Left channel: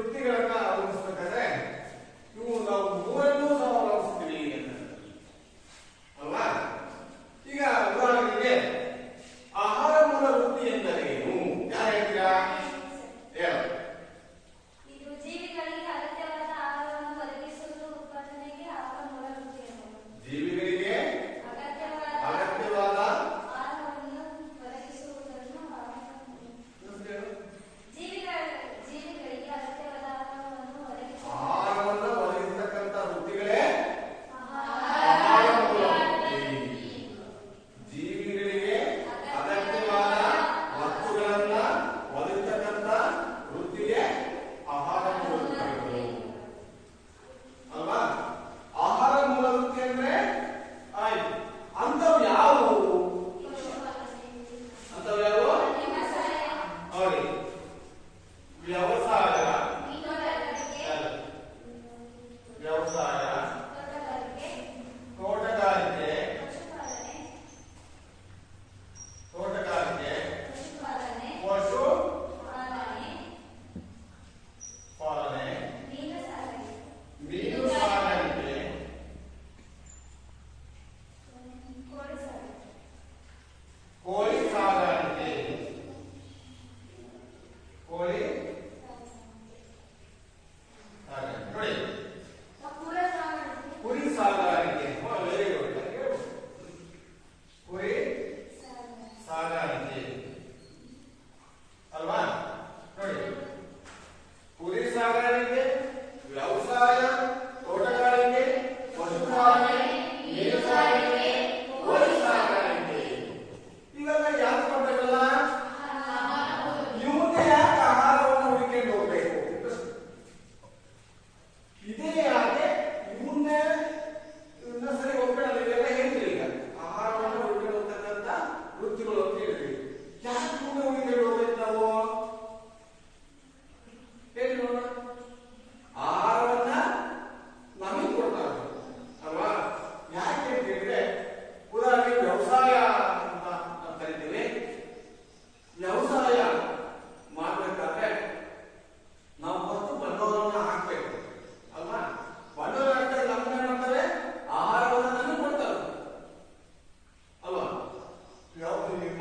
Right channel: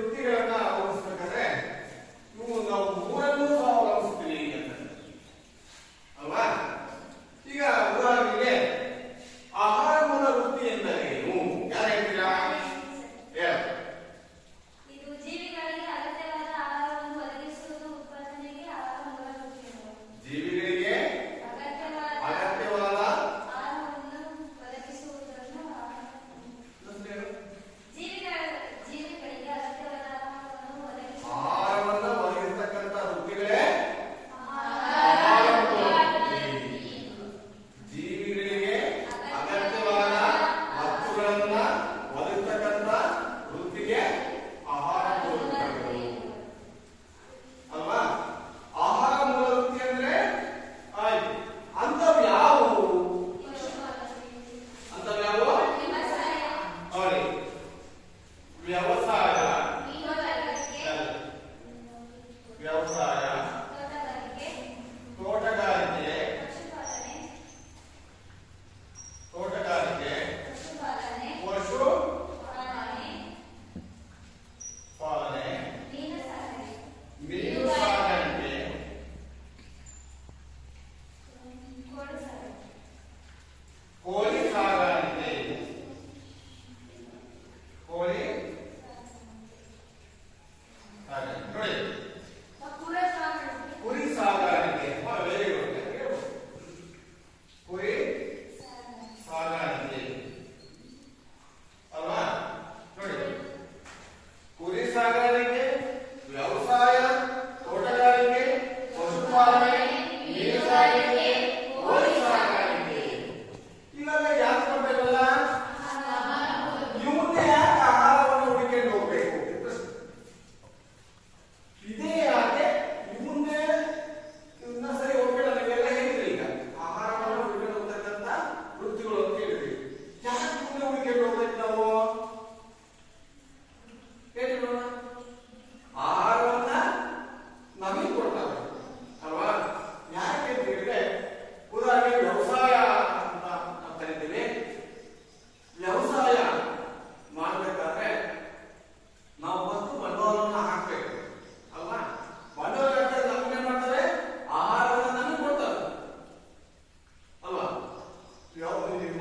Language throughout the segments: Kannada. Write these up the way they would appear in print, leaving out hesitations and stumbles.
ವೃತ್ತಿಗಳನ್ನ ಅವಲಂಬಿಸಬೇಕಾದ್ರೆ ಇವು ನಾವು ಮೂರನ್ನೂ ಸಹ ಅವಲಂಬಿಸ್ತೀವಿ ಅಲ್ವಾ. ಈಗ ಉದಾಹರಣೆಗೆ ಆಹಾರ ಮೂಲ ವೃತ್ತಿ ಎಂದರೇನು? ಯಾರು ಹೇಳ್ತೀರಾ? ಇದು ಜೀವಿಗಳಿಗೆ ಅಗತ್ಯವಾದ ಆಹಾರವನ್ನು ಒದಗಿಸುವುದು ಉತ್ಪಾದನೆಗೆ ಆಹಾರ ಮೂಲ ವೃತ್ತಿ ಎನ್ನುವುದು. ಜೀವಿಗಳಿಗೆ ಅಗತ್ಯವಾದ ಆಹಾರವನ್ನು ಒದಗಿಸುವುದನ್ನು ಜೀವಿಗಳಿಗೆ ಅಗತ್ಯವಾದ ಆಹಾರವನ್ನು ಒದಗಿಸತಕ್ಕಂಥ ವೃತ್ತಿಗಳೇ ಜೀವಿಗಳಿಗೆ ಅಗತ್ಯವಾದ ವಸ್ತುಗಳನ್ನ ಒದಗಿಸತಕ್ಕಂಥ ವೃತ್ತಿಗೆ ಆಹಾರ ಮೂಲ ವೃತ್ತಿಗಳು ಅಲ್ವಾ. ಆಹಾರ ಮೂಲ ವೃತ್ತಿ ಅಂದ್ರೆ ಅಂತವ್ ಯಾವುವು? ಅಂತವ್ ಯಾವುವು? ನೋಡಿ, ವ್ಯವಸಾಯ, ವ್ಯವಸಾಯ, ತೋಟಗಾರಿಕೆ, ಪಶು ಪಾಲನೆ, ಮೀನು ಸಾಕಾಣಿಕೆ, ಕೋಳಿ ಸಾಗಾಣಿಕೆ, ಕೋಳಿ ನೋಡಿ, ಕುರಿ ಸಾಗಾಣಿಕೆ, ವೆರಿ ಗುಡ್, ಕುರಿ ಸಾಗಾಣಿಕೆ ಅಲ್ವಾ. ನೋಡಿ, ಕುರಿ ಸಾಗಾಣಿಕೆ, ವ್ಯವಸಾಯ, ತೋಟಗಾರಿಕೆ, ಪಶುಪಾಲನೆ, ಮೀನು ಸಾಗಾಣಿಕೆ, ಕೋಳಿ ಸಾಗಾಣಿಕೆ ಇವೆಲ್ಲ ಯಾಕೆ ಕೊಡ್ಬೇಕಲ್ಲ? ಇವನ್ನ ಯಾಕೆ ಆಹಾರವನ್ನು ಹುಡುಕೊಂಡು ಹೋಗ್ಬೇಕು? ಇದೇ ಯಾಕೆ ಇವನ್ನ ಸರಿ ಹೋಗ್ಬೇಡ ನೀವೆಲ್ಲ ಹೇಳಿದ್ರಿ. ಈಗ ಆಹಾರವನ್ನು ಹುಡುಕೊಂಡು ಹೋಗ್ತಕ್ಕಂಥ ವೃತ್ತಿಗಳು ಅಂತ ಹೇಳಿದ್ರಿ. ಯಾಕೆ ಇವನ್ನ ಹುಡುಕೊಂಡು ಹೋಗ್ಬೇಕು ನಾವು? ಹೇಳಿ ನೋಡೋಣ. ಆಹಾರವನ್ನ ನಮಗೆ ಕೊಡ್ತಾರೆ ಅಲ್ವಾ. ಯಾಕೆ ಅಂತ ಹೇಳಿದ್ರೆ, ಉದಾಹರಣೆಗೆ ವ್ಯವಸಾಯ ಅಂತ ಕರಿತೀವಿ. ವ್ಯವಸಾಯ ಮಾಡಬೇಕಾದ್ರೆ ನಾವು ಮತ್ತು ಬಂಡವಾಳವನ್ನು ಹಾಕ್ಬೇಕು ಅಲ್ವಾ. ಬಂಡವಾಳ ಹಾಕಿದ್ರೆ ನಮ್ಗೆ ಏನ್ ಮಾಡ್ತಾರೆ? ಆಹಾರವನ್ನು ನಮಗೆ ಕೊಡ್ತಾರೆ ಅಲ್ವಾ.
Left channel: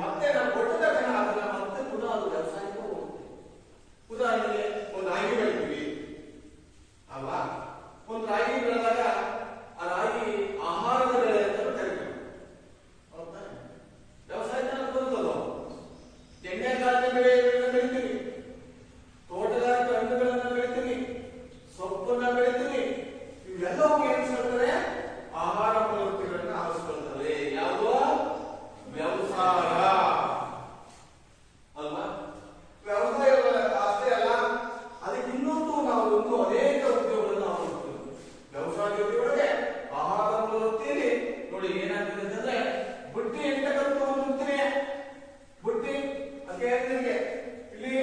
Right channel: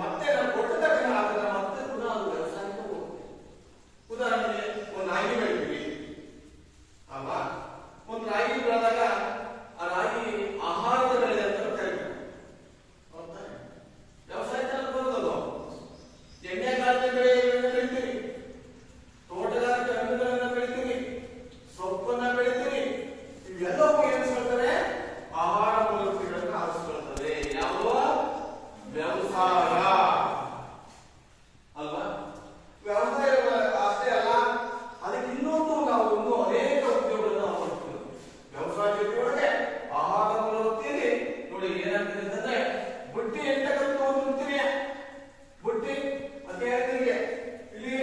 ಮತ್ತೆ ನಾವು ಕೊಟ್ಟ ತಕ್ಷಣ ಅದನ್ನ ಮತ್ತೆ ಪುನಃ ಅದು ವ್ಯವಸಾಯಕ್ಕೆ ಹೋಗುತ್ತೆ. ಉದಾಹರಣೆಗೆ ಒಂದು ರಾಗಿ ಬೆಳಿತೀವಿ ಅಲ್ವಾ. ಒಂದು ರಾಗಿ ಬೆಳೆದಾಗ ಆ ರಾಗಿ ಆಹಾರದ ಬೆಳೆ ಅಂತ ಕರೀತಾರೆ. ವ್ಯವಸಾಯದಲ್ಲಿ ಬರುತ್ತದು. ಎಣ್ಣೆಕಾಳಿನ ಬೆಳೆ ಬೆಳಿತೀವಿ, ತೋಟಗಾರಿಕೆ ಹಣ್ಣುಗಳನ್ನ ಬೆಳಿತೀವಿ, ಸೊಪ್ಪನ್ನ ಬೆಳಿತೀವಿ. ಇವೆಲ್ಲವೂ ಏನಿಸ್ಕೊಳ್ತವೆ? ಆಹಾರ ಮೂಲ ವೃತ್ತಿಗಳನ್ನ ಆರಿಸ್ಕೊಳ್ತವೆ. ಯಾವುದೋ ವ್ಯವಸಾಯ ಅಲ್ವಾ. ವ್ಯವಸಾಯ ಅಷ್ಟೇ ಅಲ್ಲ, ಅದಕ್ಕೆ ಇನ್ನೊಂದು ನಾವು ಅನೇಕ ಉದ್ಯೋಗಗಳನ್ನು ಅವಲಂಬಿಸ್ತೀವಿ. ವ್ಯವಸಾಯ ಜೊತೆಯೊಳಗೆ ಆಹಾರ ಮೂಲ ವೃತ್ತಿಯಲ್ಲಿ ನೋಡಿ ಏನಾಗ್ತದೆ ಅಂದ್ರೆ, ಬುಟ್ಟಿ ಎಂಟಕಂತ ಒಂದು ವೃತ್ತಿನೇ. ಬುಟ್ಟಿ ಅದೇ ಹೇಳ್ತಿಗೆ ಇಲ್ಲಿ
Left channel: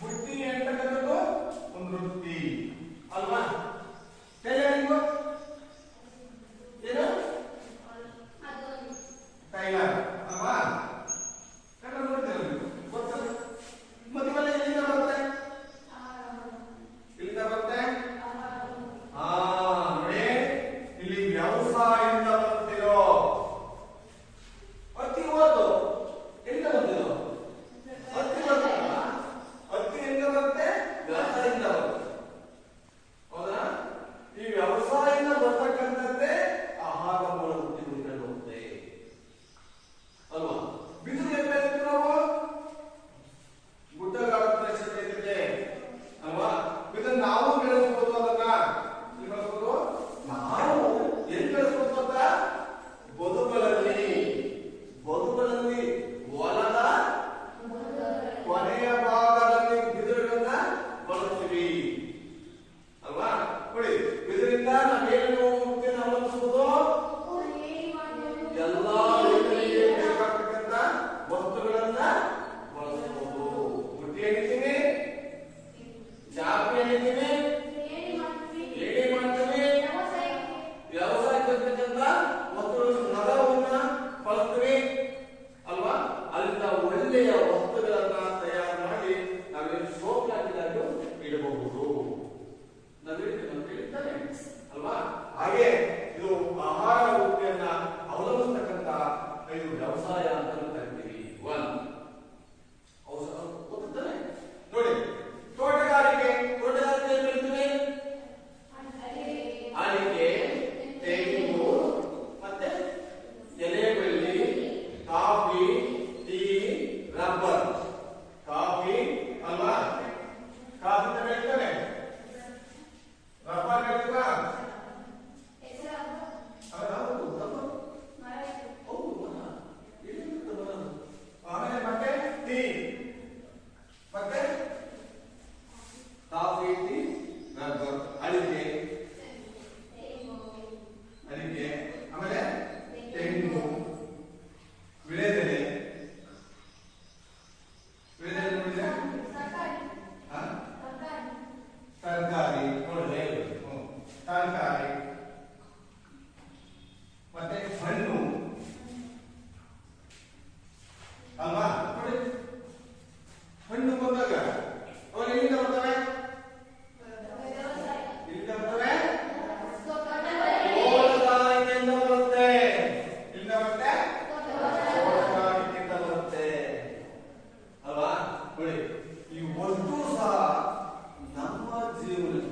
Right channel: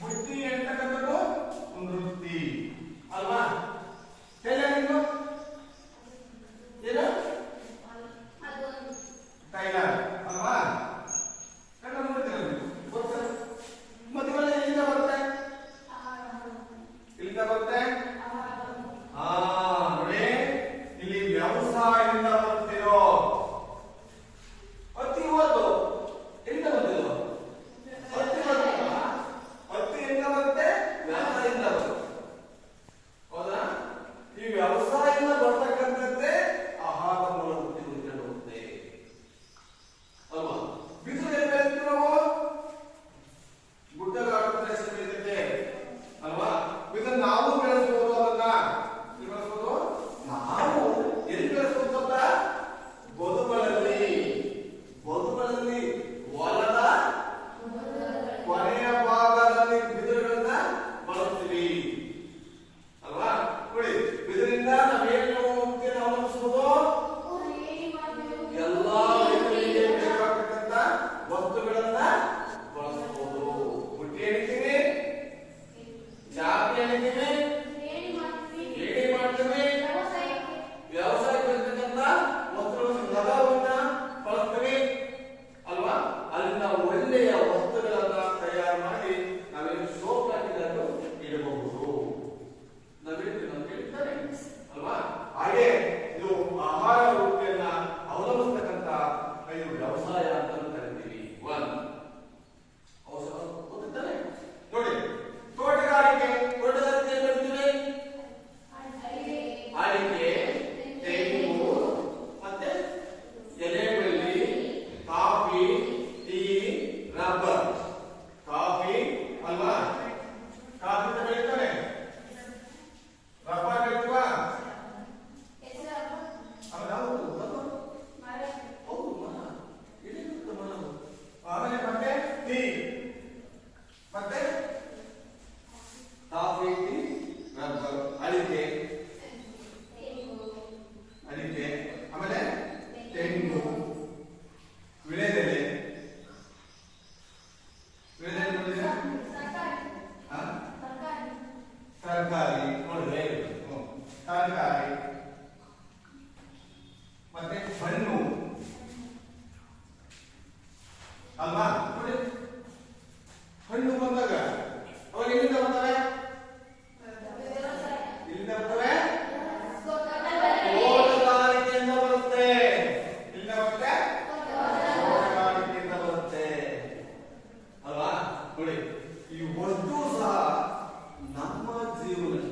ಬುಟ್ಟಿ ಎಂಟಕಂತದ್ದು ಒಂದು ವೃತ್ತಿ ಅಲ್ವಾ. ಟೈಲರಿಂಗ್ ಏನು? ಟೈಲರ್ ಅಲ್ವಾ. ಗೊತ್ತಲ್ಲ. ಮತ್ತೆಲ್ಲ ಎಲ್ಲಿಂದ ಬರುತ್ತೆ? ಇಲ್ಲಿಂದ ಬರುತ್ತೆ. ನೋಡಿ, ಇಲ್ಲಿ ವ್ಯವಸಾಯದಿಂದ ಬರ್ತಿರೋ ಹತ್ತಿ ಹೋದು ಎಲ್ಲಿಂದ ಬಂದಿರೋ? ಹತ್ತಿ ಬರ್ತಲ್ಲ. ಹತ್ತಿ ಎಲ್ಲಿಂದ ಬರುತ್ತೆ? ವ್ಯವಸಾಯದಿಂದ ಬರುತ್ತೆ. ಹೌದಾ. ಈ ವ್ಯವಸಾಯದಿಂದ ಬರ್ತಕ್ಕಂಥದ್ದೇ ಆಹಾರ ಮೂಲ ವೃತ್ತಿಗಳು ಬರುತ್ತೆ ಅಲ್ವಾ. ಬಿಸಿಲು ಎಲ್ಲಿ ಬೆಳಿತೀವಿ ನಾವು? ಗುಡ್ಡಗಾಡು ಪ್ರದೇಶ ಬೆಳೀತಿದ್ದೆ ಅಲ್ವಾ. ಇದನ್ನ ನಾವು ಬೆಳೆಸಬಹುದು. ಅದನ್ನ ಬೆಳೆಸಬಹುದು. ನಾವು ಎಲ್ಲಿ ಬೆಳೆಸಬಹುದು ಅಂತ? ಬದುಗಳಲ್ಲಿ ಹೊಲದ ಕೊನೆಯ ಭಾಗದಲ್ಲಿ ಬಿದಿರುಗಳನ್ನ ಬಳಸ್ತೀವಿ ಅಲ್ವಾ. ನೋಡಿ, ಬಿದಿರಿಂದ ನಾವೇನು ಅವಲಂಬಿಸಬಹುದು? ಎಲ್ಲಾ ರೈತರಿಗೆ ಬೇಕಾಗತಕ್ಕಂಥ ವಸ್ತುಗಳನ್ನ ಬಳಸಬಹುದು. ಬುಟ್ಟಿ ಏನಿದ್ದೀವಿ, ಚಾಪಿ ಏನಿದ್ದೀವಿ, ಏಣಿ ಮಾಡ್ತೀವಿ. ವ್ಯವಸಾಯಕ್ಕೆ ಇರ್ತಕ್ಕಂಥ ವಸ್ತುಗಳನ್ನು ಮರವನ್ನ ಬಳಸ್ತೀವಿ ಅಲ್ವಾ. ಅಲ್ಲಿಂದ ಒಳ್ಳೆಯ ವಸ್ತುಗಳನ್ನ ತಯಾರು ಮಾಡಿ ನಾವೇನು ಸೋಪ್ ಹಾಕಿದಾಗ ಇಡಬಹುದು. ಹಾಗೆ ಇದು ಆಹಾರ ವೃತ್ತಿಯನ್ನ ಅವಲಂಬಿಸ್ತಕ್ಕಂತ ಇದು ವ್ಯವಸಾಯ ಅಂತ ಕರಿತೀವಿ. ಒನ್ ಗೊತ್ತಿದ್ದಾನೆ ನೋಡಿ. ತೋಟಗಾರಿಕೆ ಏನ್ ಕರಿತೀವಿ? ಅಡಿಕೆ, ತೆಂಗು, ಮತ್ತೆ ಎಲೆಬಳ್ಳಿ, ಕಾಫಿ, ಟೀ, ರಬ್ಬರ್. ಕಾಫಿ ಅಲ್ವಾ? ಕಾಫಿ ಬೆಳೀತಾನೆ. ರಬ್ಬರ್ ಬೆಳೀವಾ? ಆಮೇಲೆ ಮತ್ತೆ ಟೀ, ಮತ್ತೆ ಕಾಫಿ, ಟೀ, ರಬ್ಬರ್, ಅಡಿಕೆ, ಆಮೇಲೆ ತೆಂಗು, ವಿಳೆದೆಲೆ. ನೋಡಿದ್ರೆ ತರಕಾರಿ ನೋಡಿದ್ರೆ ತರಕಾರಿ, ಮತ್ತೆ ಹಣ್ಣು ಅಲ್ವಾ? ನೋಡಿ, ಹಣ್ಣು ಬಂದಾಗ ಅವ್ರು ಎಲ್ಲಿಂದ ಬರ್ತಾರೆ? ಇಲ್ಲಿಂದ ಬರ್ತಾರೆ, ತೋಟಗಾರಿಕೆಯಿಂದ ಬರುತ್ತೆ. ಇಲ್ಲಿಂದ ಬರುತ್ತೆ, ತೋಟಗಾರಿಕೆಯಿಂದ ಬರುತ್ತೆ ಅಲ್ವಾ? ನೋಡಿ, ಈ ಒಟ್ಟು ಸಹ ನಮ್ಮ ಜೀವನಕ್ಕೆ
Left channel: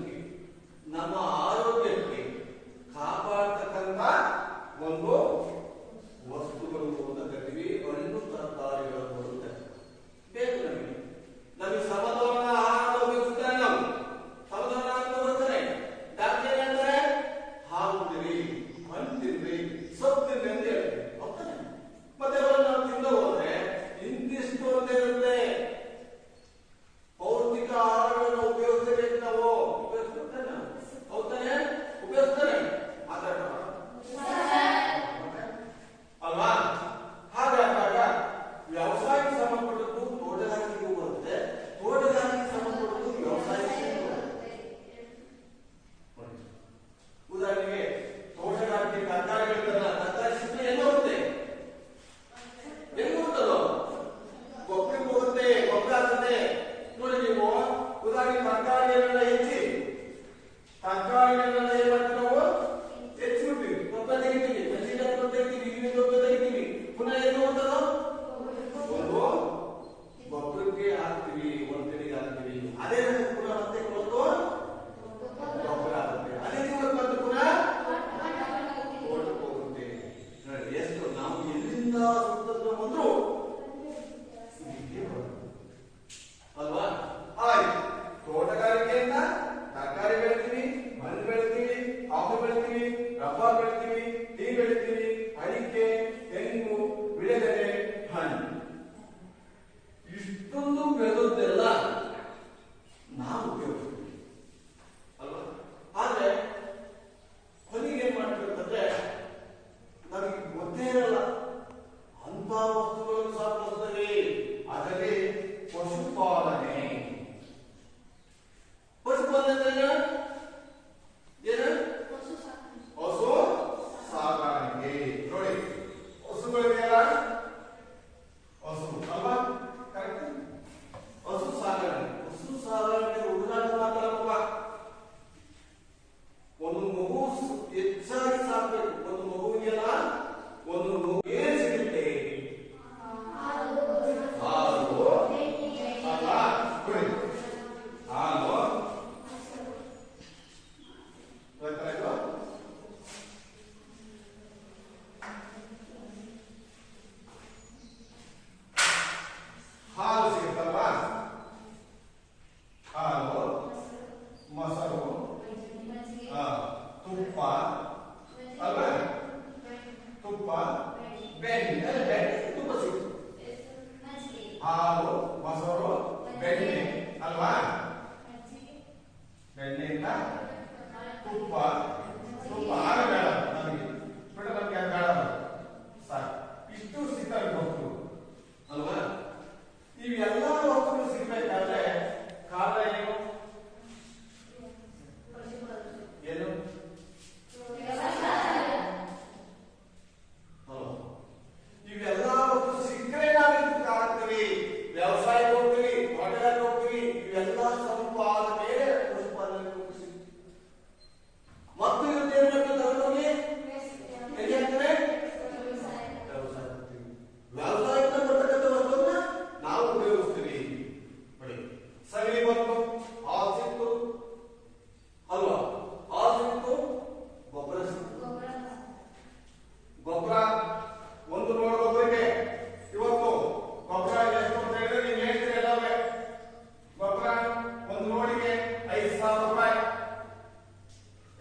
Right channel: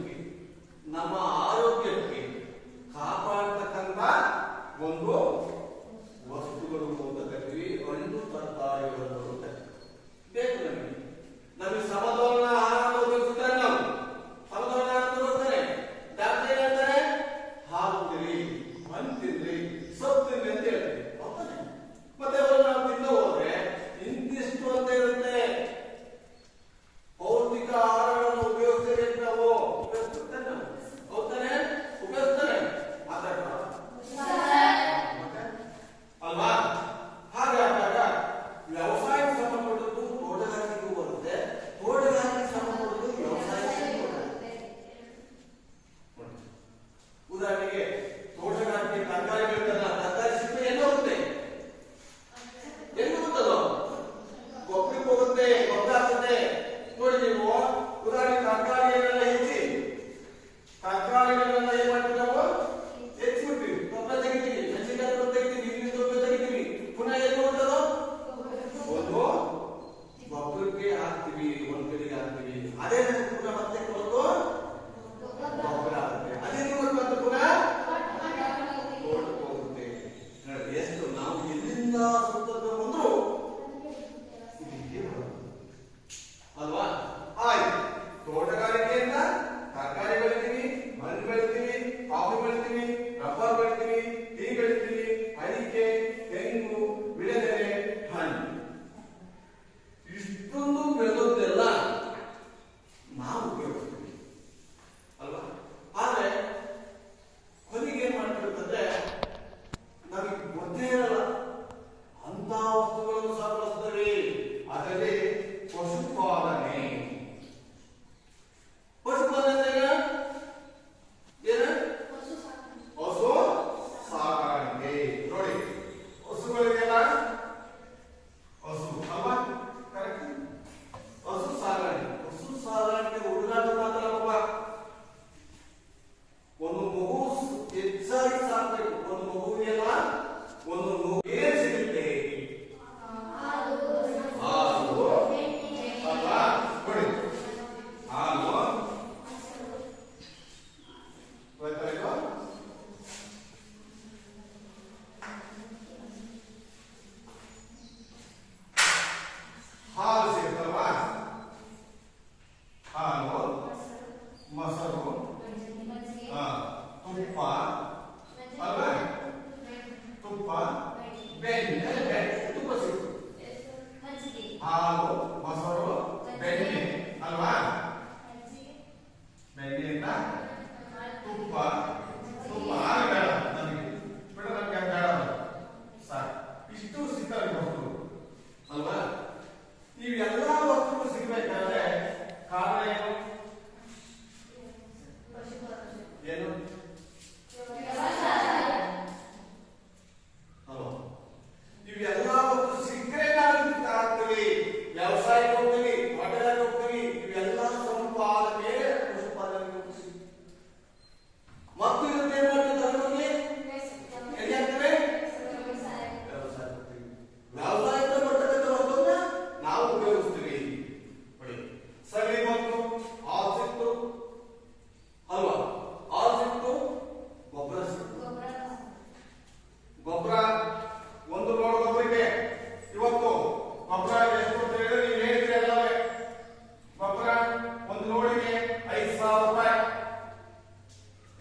5,000 ರೂಪಾಯಿ.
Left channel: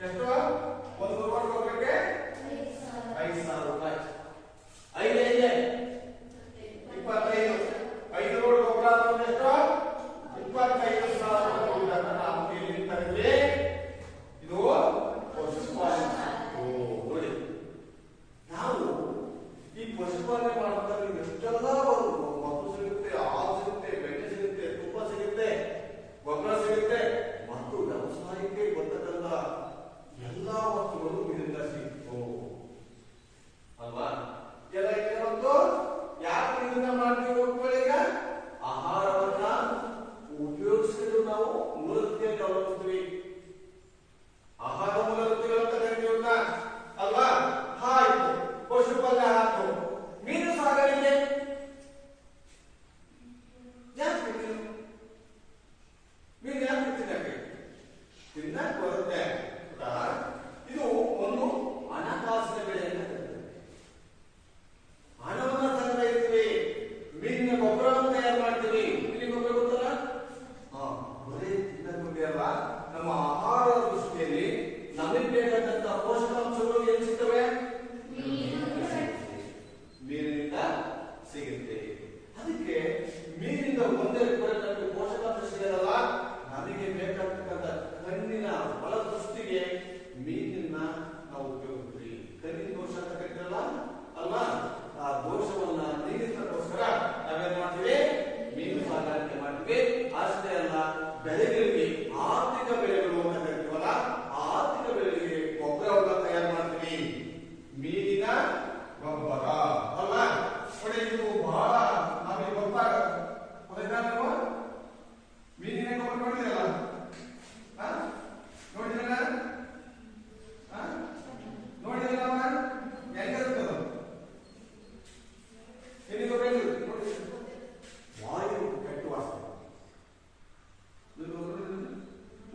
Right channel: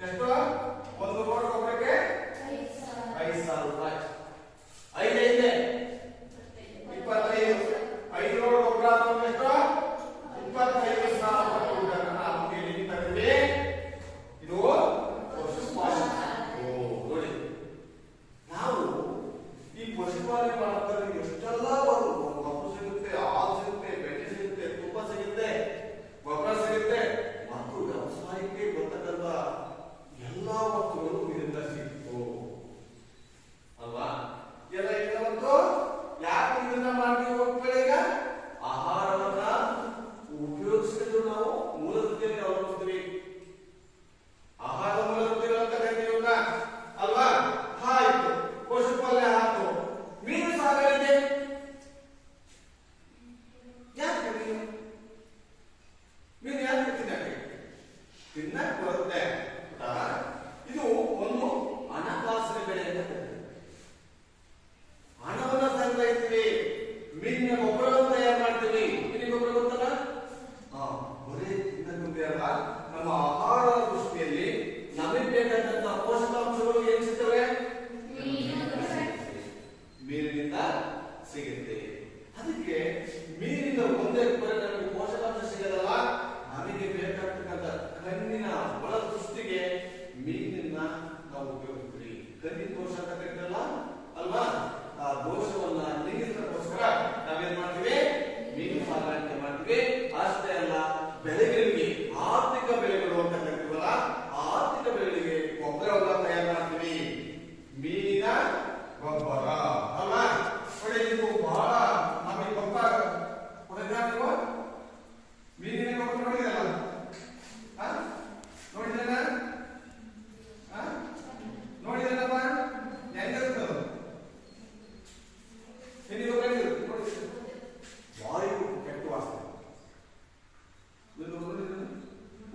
ಎಷ್ಟು? ಒಂದು ಲೋಡ್ ಗೊಬ್ಬರಕ್ಕೆ 5,000 ರೂಪಾಯಿ. 5 ಐದೆ 25. 5 ಲೋಡ್ ಗೊಬ್ಬರ ಅಂದ್ರೆ ಎಷ್ಟು? 25,000 ರೂಪಾಯಿ ನಾವು ಇಲ್ಲಿ ತಂದ್ವಿ. ಇದು ಪಶುಪಾಲನೆ. ನೋಡಿ, ನಾವು ಈ ಪಶುಪಾಲನೆ ಮಾಡೋದ್ರಲ್ಲಿ ಎಷ್ಟೆಲ್ಲ ಮಗು ಸಿಗುತ್ತೆ, ಹಾಲು ಸಿಗುತ್ತೆ, ಬೆಣ್ಣೆ ಸಿಗುತ್ತೆ, ತುಪ್ಪ ಸಿಗುತ್ತೆ, ಗೊಬ್ಬರ ಸಿಗುತ್ತೆ ಮತ್ತು ವ್ಯವಸಾಯಕ್ಕೆ ಗೊತ್ತಕ್ಕಂತ ಎಲ್ಲಾ ವಸ್ತುಗಳು ಇದರಿಂದ ಸಿಕ್ತು ಅಲ್ವಾ? ಎಲ್ಲ ಈಗ ಬಂತು. ಯಾಕೆ ಇದನ್ನ ಮಾಡ್ತೀವಿ ಮಕ್ಕಳೀಗ? ಆಹಾರವನ್ನ ಉಪಯೋಗಿಸಿದ್ರು ನಾವು ಮೂಲವೃತ್ತಿಯನ್ನು ಅವಲಂಬಿಸ್ತೀವಿ. ಆಹಾರದ ಮೂಲವೃತ್ತಿಗಳು ಅಂತ ಕರಿತೀವಿ ಅಲ್ವಾ? ಆಯ್ತು, ಪಶುಪಾಲನೆ ಆಯ್ತು. ಮೀನು ಸಾಗಾಣಿಕೆ ಯಾಕೆ ಮೀನು ಯಾಕೆ ತಿನ್ನಕ್ಕೆ ಬರುತ್ತೆ? ಇದು ಒಂದು ಹಣಕಾಸಿನ ಬೆಳೆ ಅಂತ ಕರೀತೀವಿ. ಹಣವನ್ನ ಸಂಗ್ರಹಿಸ್ತೀವಿ, ಮೀನಿನ ಗೊಬ್ಬರವನ್ನು ತಯಾರು ಮಾಡ್ತೀವಿ. ಮೀನಿನ ಗೊಬ್ಬರ ಗೊತ್ತಲ್ಲ? ಬರೀ ತಿನ್ನಕ್ಕೆ ಅಲ್ಲ, ನಮ್ಮ ಆಹಾರ ದೃಷ್ಟಿಯಲ್ಲಿ ನಮಗೆ ಬೇಕಾದಂತ ಪೋಷಕಾಂಶಗಳು ಏನ್ ಸಿಗ್ತವೆ? ಮೀನಿನಿಂದ ಸಿಗುತ್ತೆ. ಅದಕ್ಕೆ ಮೀನಿಂದ ಒಂದೇ ನಮಗೆ ಪೋಷಕಾಂಶ ಸಿಗಲ್ಲ, ನಮಗೆ ಬೇಕಾಗ್ತಕ್ಕಂಥ ಕಣ್ಣಿನ ಒಳ ದೃಷ್ಟಿಗೆ ಮೀನಿನ ನಾವು ಉಪಯೋಗಿಸ್ತೀವಿ. ಕಣ್ಣಿನ ದೋಷ ಅಂತ ಕರೀತಲ್ಲ ಅಲ್ವಾ? ಆ ದೋಷವನ್ನ ನೀಗಿಸೋಕ್ಕೋಸ್ಕರ ನಾವೇನ್ ಮಾಡ್ತೀವಿ? ಮೀನು ಸಾಗಾಣಿಕೆ ಮಾಡ್ತೀವಿ. ಅಷ್ಟೇ ಅಲ್ಲ, ಬೆಳೆಗಳಿಗೆ ಆರ್ಥಿಕ ಬೆಳೆಗಳು ಅಂತ ಕರಿತೀವಲ್ಲ, ಆರ್ಥಿಕ ಬೆಳೆಗಳಿಗೆ ಗೊಬ್ಬರವನ್ನ ತಯಾರು ಮಾಡ್ತೀವಿ. ಮೀನಿನ ಗೊಬ್ಬರ ಅಲ್ವಾ? ನೋಡಿ, ಇದು ಬಹಳ ನಮಗೆ ಗೊತ್ತಾಗ ಮೀನಿನ ಗೊಬ್ಬರ ನೋಡಿದಲ್ಲ? ನೋಡಿದ್ರಲ್ಲ? ನೋಡಿದ್ರಲ್ಲ? ಹೆಂಗಿರ್ತದ? ಎಲ್ಲಿ ಗೊಬ್ಬರ ನೋಡಿ, ವಾಯು ಕೆಟ್ಟು ವಾಸನೆ.